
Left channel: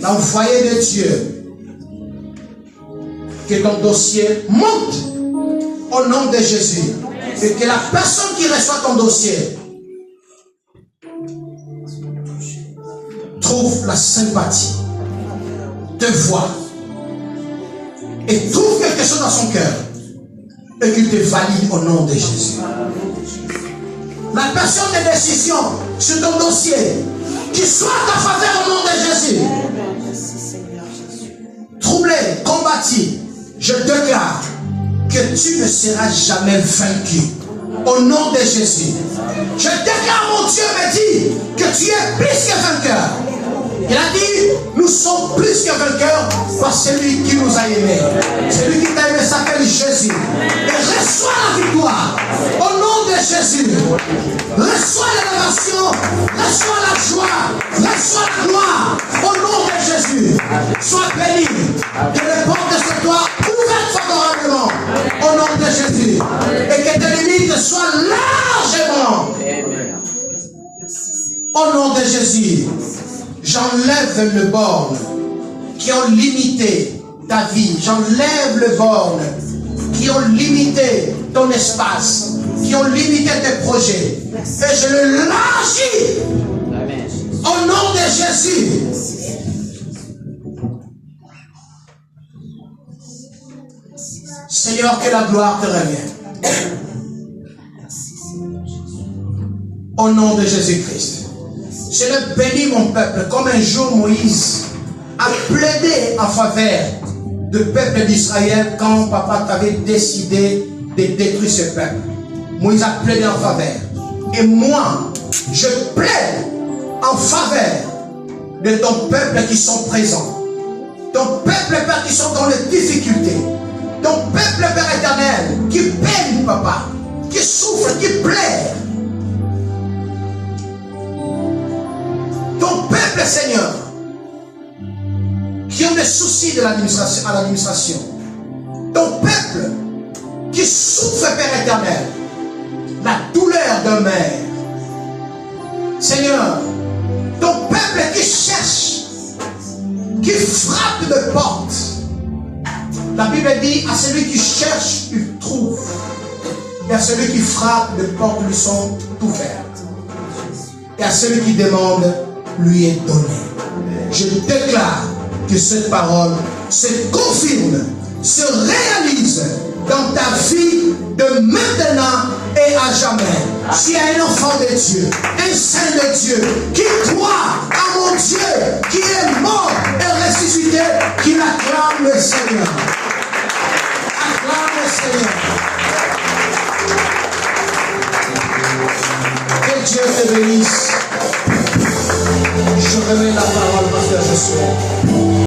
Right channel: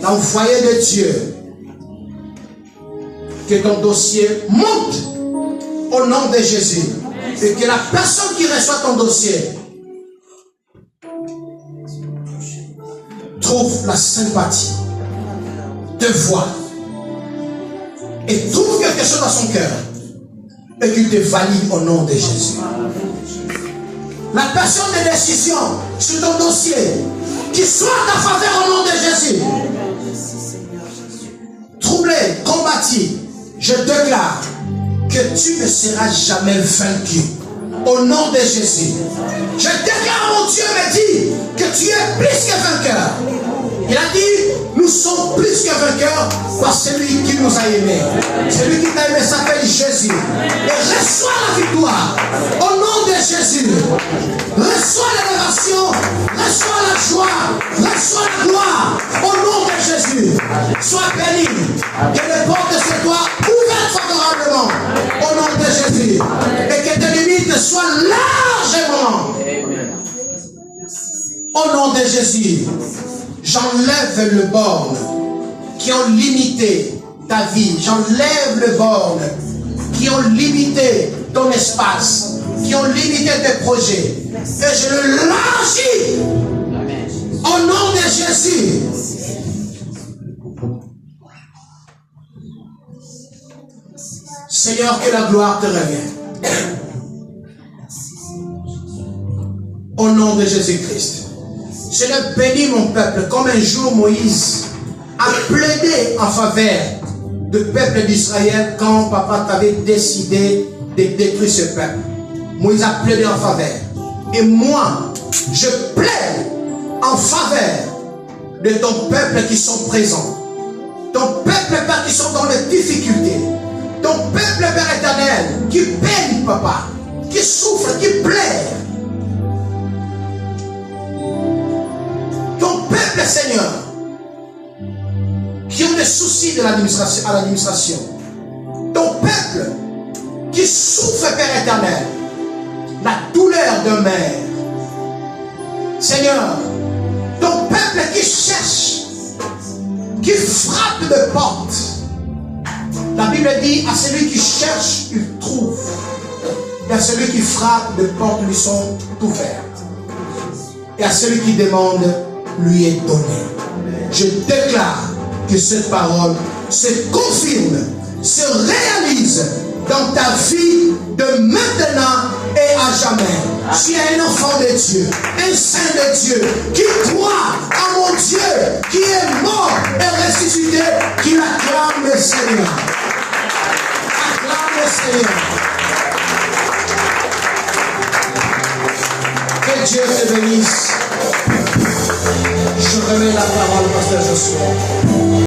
dans le foyer de Dieu, que ton dossier monte au nom de Jésus. Et que la personne qui reçoit ton dossier trouve la sympathie, te voit et trouve quelque chose dans son cœur et qu'il te valide au nom de Jésus. La personne de décision sur ton dossier qui soit à ta faveur au nom de Jésus. Troublé, combattu, je déclare que tu ne seras jamais vaincu au nom de Jésus. Je déclare, mon Dieu me dit que tu es plus que vainqueur. Il a dit, nous sommes plus que vainqueurs par celui qui nous a aimés. Celui qui t'a aimé s'appelle Jésus. Et reçois la victoire au nom de Jésus. Reçois l'élévation, reçois la joie, reçois la gloire au nom de Jésus. Sois béni. Que les portes se soient ouvertes favorablement au nom de Jésus. Et que tes limites soient largement. Au nom de Jésus. J'enlève le borne qui ont limité ta vie. J'enlève le borne qui ont limité ton espace, qui ont limité tes projets. Et je le lâche au nom de Jésus. Seigneur, que la gloire te revienne. Au nom de Jésus-Christ. Je le bénis, mon peuple, comme un jour Moïse a plaidé en faveur du peuple d'Israël quand papa t'avait décidé de détruire ce peuple. Moïse a plaidé en faveur. Et moi, je plaide en faveur de ton peuple qui sont présents. Ton peuple, Père, qui sont dans les difficultés. Ton peuple, Père éternel, qui peine, papa, qui souffre, qui pleure. Ton peuple, Seigneur, qui ont des soucis de l'administration. Ton peuple qui souffre, Père éternel, la douleur d'un mère. Seigneur, ton peuple qui cherche, qui frappe de porte. La Bible dit, à celui qui cherche, il trouve. Et à celui qui frappe, les portes lui sont ouvertes. Et à celui qui demande, lui est donné. Je déclare que cette parole se confirme, se réalise dans ta vie de maintenant et à jamais. Tu es un enfant de Dieu, un saint de Dieu, qui croit à mon Dieu, qui est mort et ressuscité, qui acclame le Seigneur. Acclame le Seigneur. Que Dieu te bénisse. Je remets la parole, pasteur Josué.